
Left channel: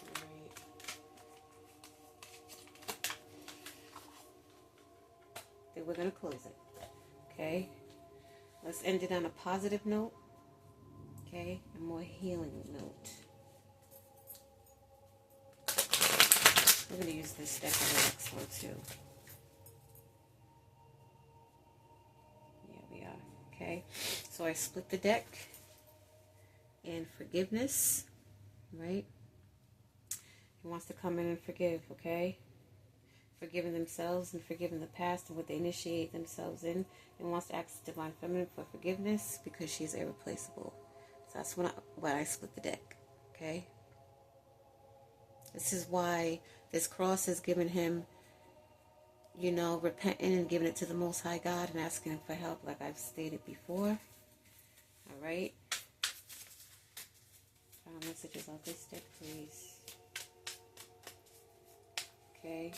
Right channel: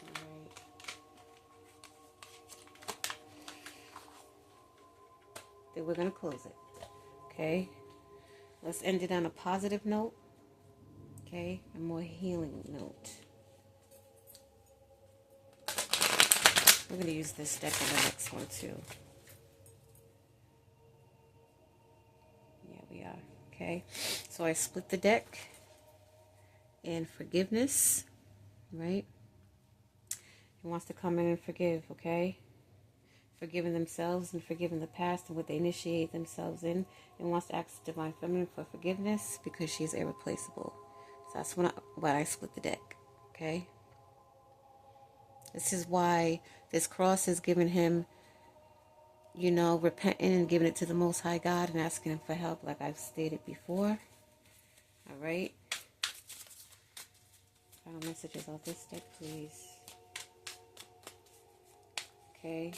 Alright. Then we're going to close it. Okay? Let's end it on a positive note. Okay? A more healing note. We're going to use this deck in the next one too. Yeah, we are. Okay. So I split the deck. And forgiveness. Right? He wants to come in and forgive. Okay? Forgiving themselves and forgiving the past and what they initiate themselves in. And wants to ask the Divine Feminine for forgiveness because she is irreplaceable. So that's why I split the deck. Okay? This is why this cross has given him, you know, repenting and giving it to the Most High God and asking him for help, like I've stated before. All right. Final messages off this deck, please. Okay.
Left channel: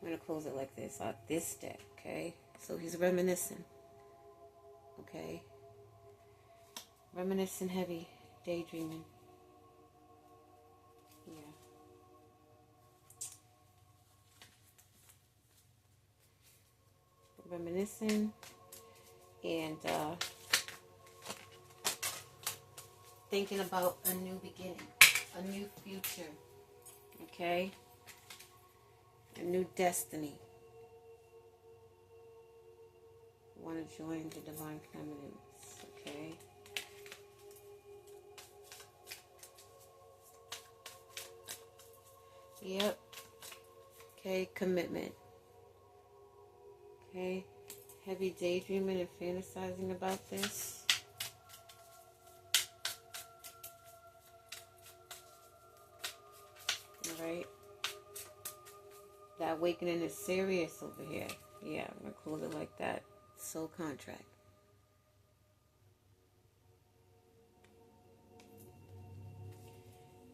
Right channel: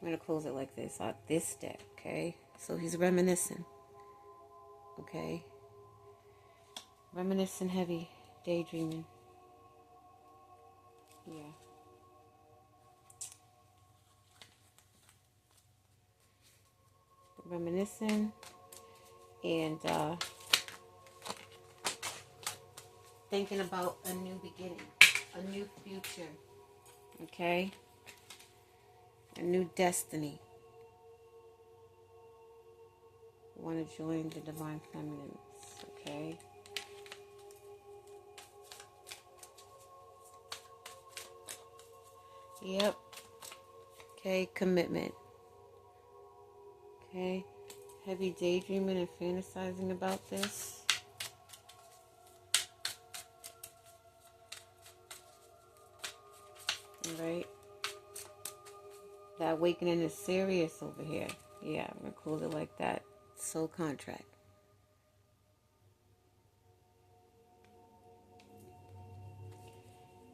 I'm going to close it like this, out this deck, okay? So he's reminiscing. Okay. Reminiscing heavy, daydreaming. Yeah. Reminiscing and thinking about a new beginning, a new future, okay? A new destiny. I want to join the Divine Feminines, okay? Yep. Okay, commitment. Okay, heavy daydreaming and fantasizing about this. Alright. That awakening is serious over here. Yeah, I'm going to close it like that. Soul contract.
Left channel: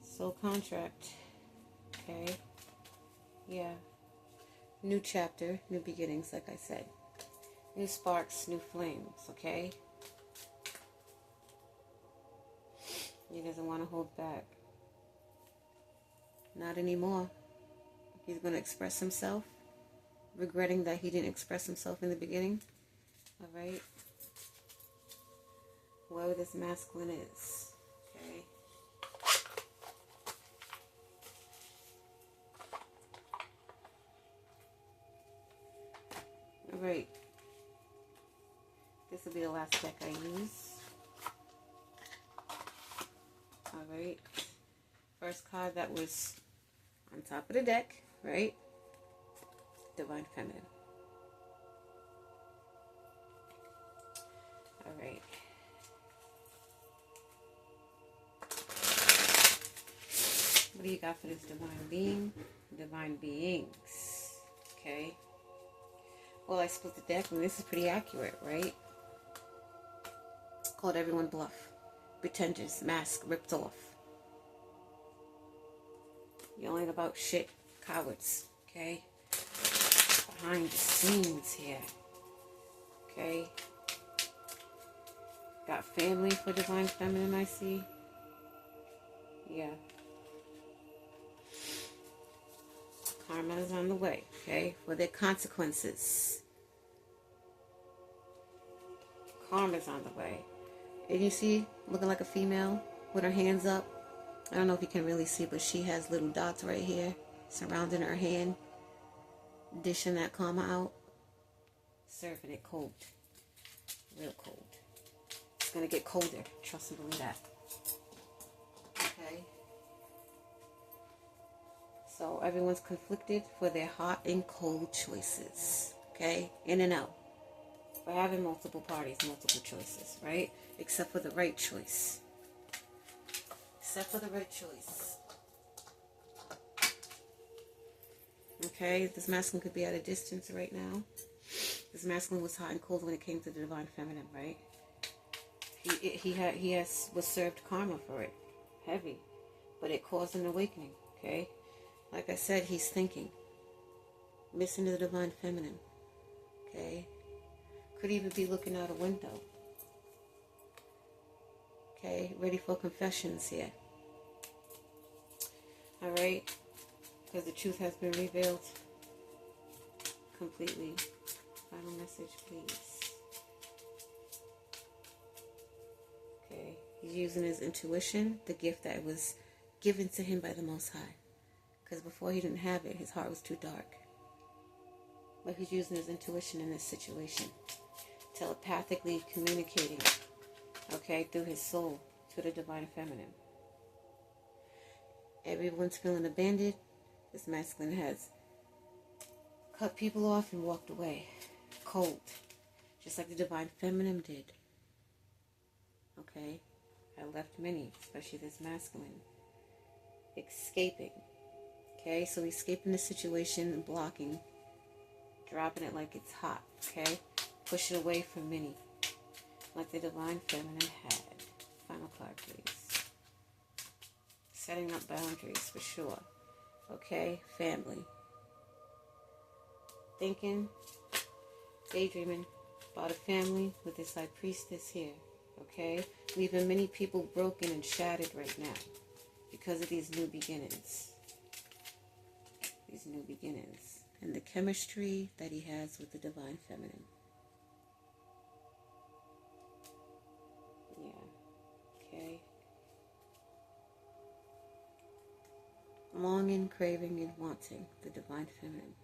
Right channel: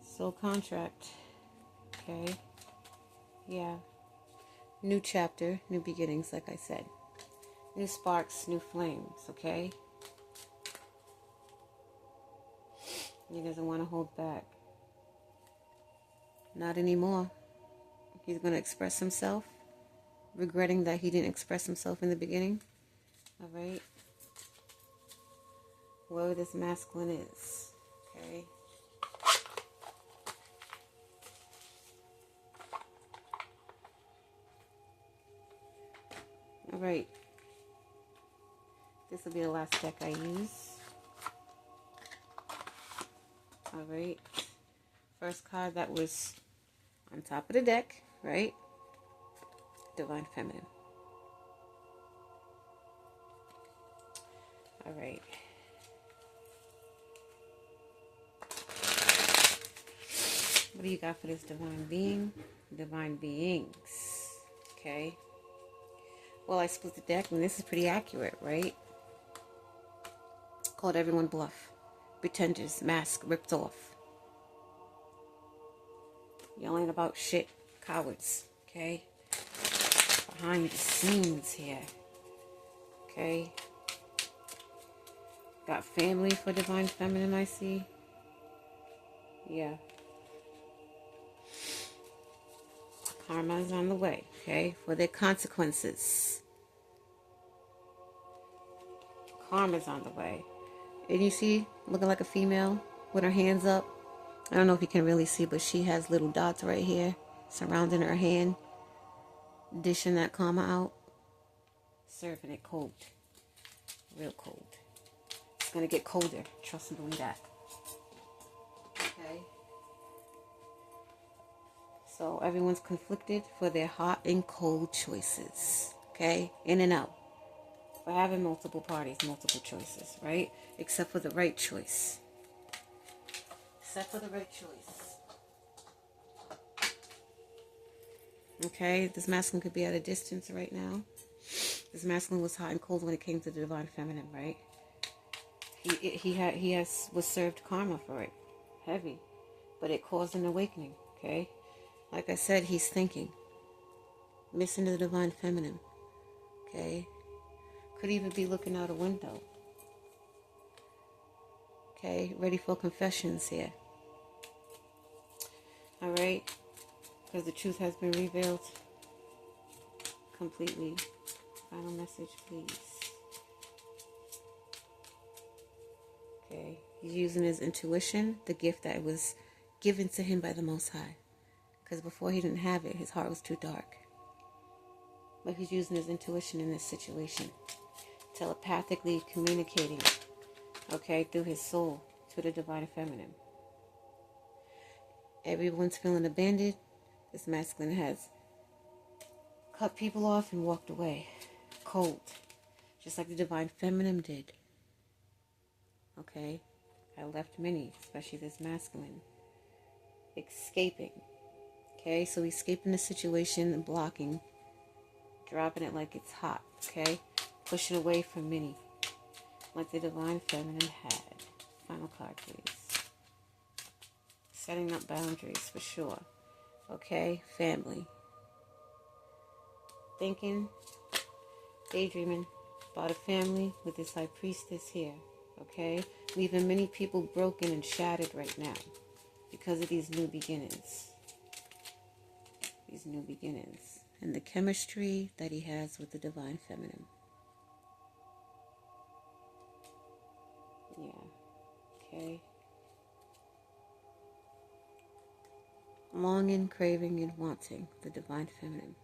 Soul contract. Okay. Yeah. New chapter, new beginnings, like I said. New sparks, new flames, okay? He doesn't want to hold back. Not anymore. He's going to express himself, regretting that he didn't express himself in the beginning. All right? Whoever this masculine is, okay? All right. This will be the last deck I use. All right? First card that was on top of the deck, right? Divine Feminine. All right. What do you got for this divine being? Divine beings. Okay. Well, I split the deck, and this is pretty accurate, right? Called everyone bluff. Pretenders, mask ripped off. Yelling about shit. Cowards. Okay. Behind the scenes here. Okay. Got family for divine feminine, I see. Yeah. Karma is on the way, okay? For their consequences. Karma is on the way. And you see, looking like a female with her hands up. I don't know if you can really see, but she has little dots right here surrounding her hand. Dishing that karma out. Serving it cold. Real cold. It's going to get colder. Trust and believe that. Okay. So everyone's conflicted for their hot and cold choices. Okay? In and out. We're having multiple parties, multiple choices, right? Except for the right choice. Except for the right choice. Okay? This masculine could be at a distance right now. This masculine was hot and cold when it came to the divine feminine, right? He was served karma for it. Heavy. But it caused an awakening, okay? Like I said, he's thinking. Missing the divine feminine. Okay? Could even be looking out a window. Okay? Ready for confessions here. Alright? Because the truth has been revealed. Completely. Final message, please. Okay? He's using his intuition, the gift that was given to him by the Most High. Because before he didn't have it, his heart was too dark. But he's using his intuition in this situation. Telepathically communicating, okay, through his soul to the divine feminine. Everyone's feeling abandoned. This masculine has cut people off and walked away. Cold. Just like the divine feminine did. Okay? I left many, especially this masculine. Escaping. Okay, so escaping the situation and blocking, dropping it like it's hot, okay? Pushing away from many, what the divine feminine had. Final card, please. Setting up boundaries, for sure. Okay, family. Thinking, daydreaming about a family with this high priestess here, okay? Leaving many people broken and shattered right now because of these new beginnings. These new beginnings and the chemistry that he has with the divine feminine. Yeah. Okay. Longing, craving, and wanting the divine feminine.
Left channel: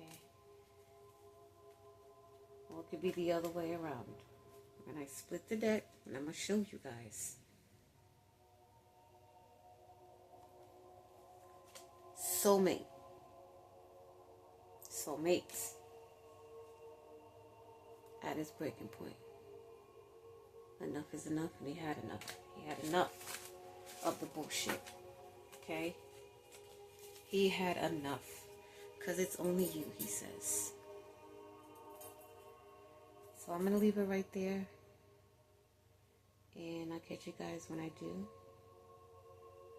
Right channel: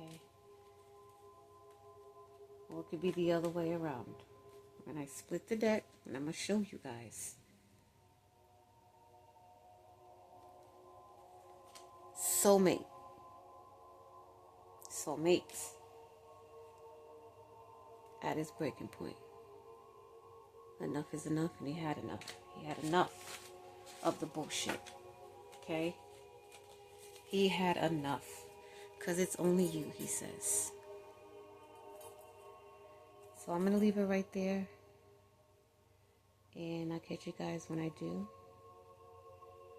Okay. Or it could be the other way around. And I split the deck, and I'm going to show you guys. Soulmate. Soulmates at his breaking point. Enough is enough, and he had enough. He had enough of the bullshit. Okay? He had enough. Because it's only you, he says. So I'm going to leave it right there. And I'll catch you guys when I do.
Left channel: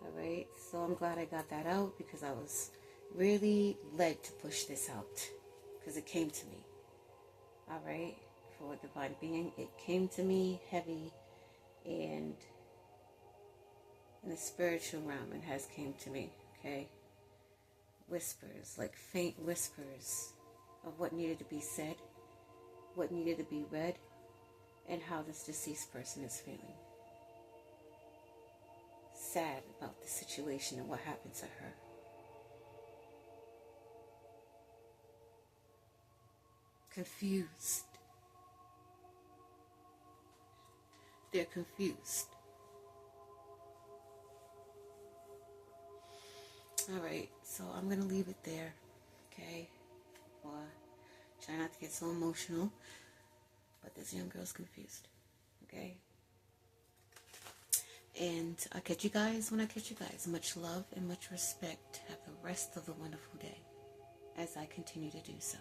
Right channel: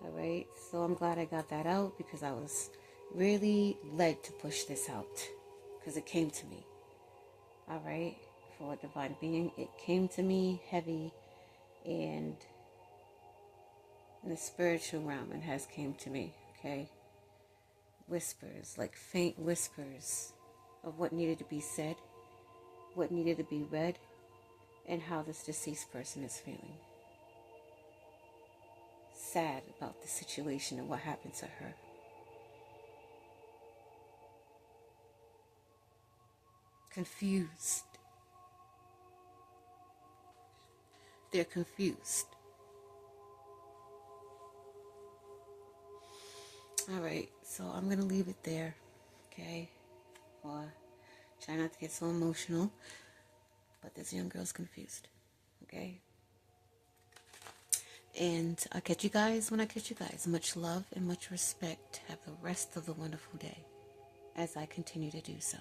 Alright? So I'm glad I got that out because I was really led to push this out because it came to me. Alright, for a divine being, it came to me heavy, and in the spiritual realm it has came to me. Okay, whispers, like faint whispers of what needed to be said, what needed to be read, and how this deceased person is feeling. Sad about the situation and what happened to her. Confused. They're confused. All right, so I'm going to leave it there, okay? Or try not to get so emotional, but this young girl's confused, okay? And I'll catch you guys when I catch you guys. Much love and much respect. Have the rest of the wonderful day as I continue to do so.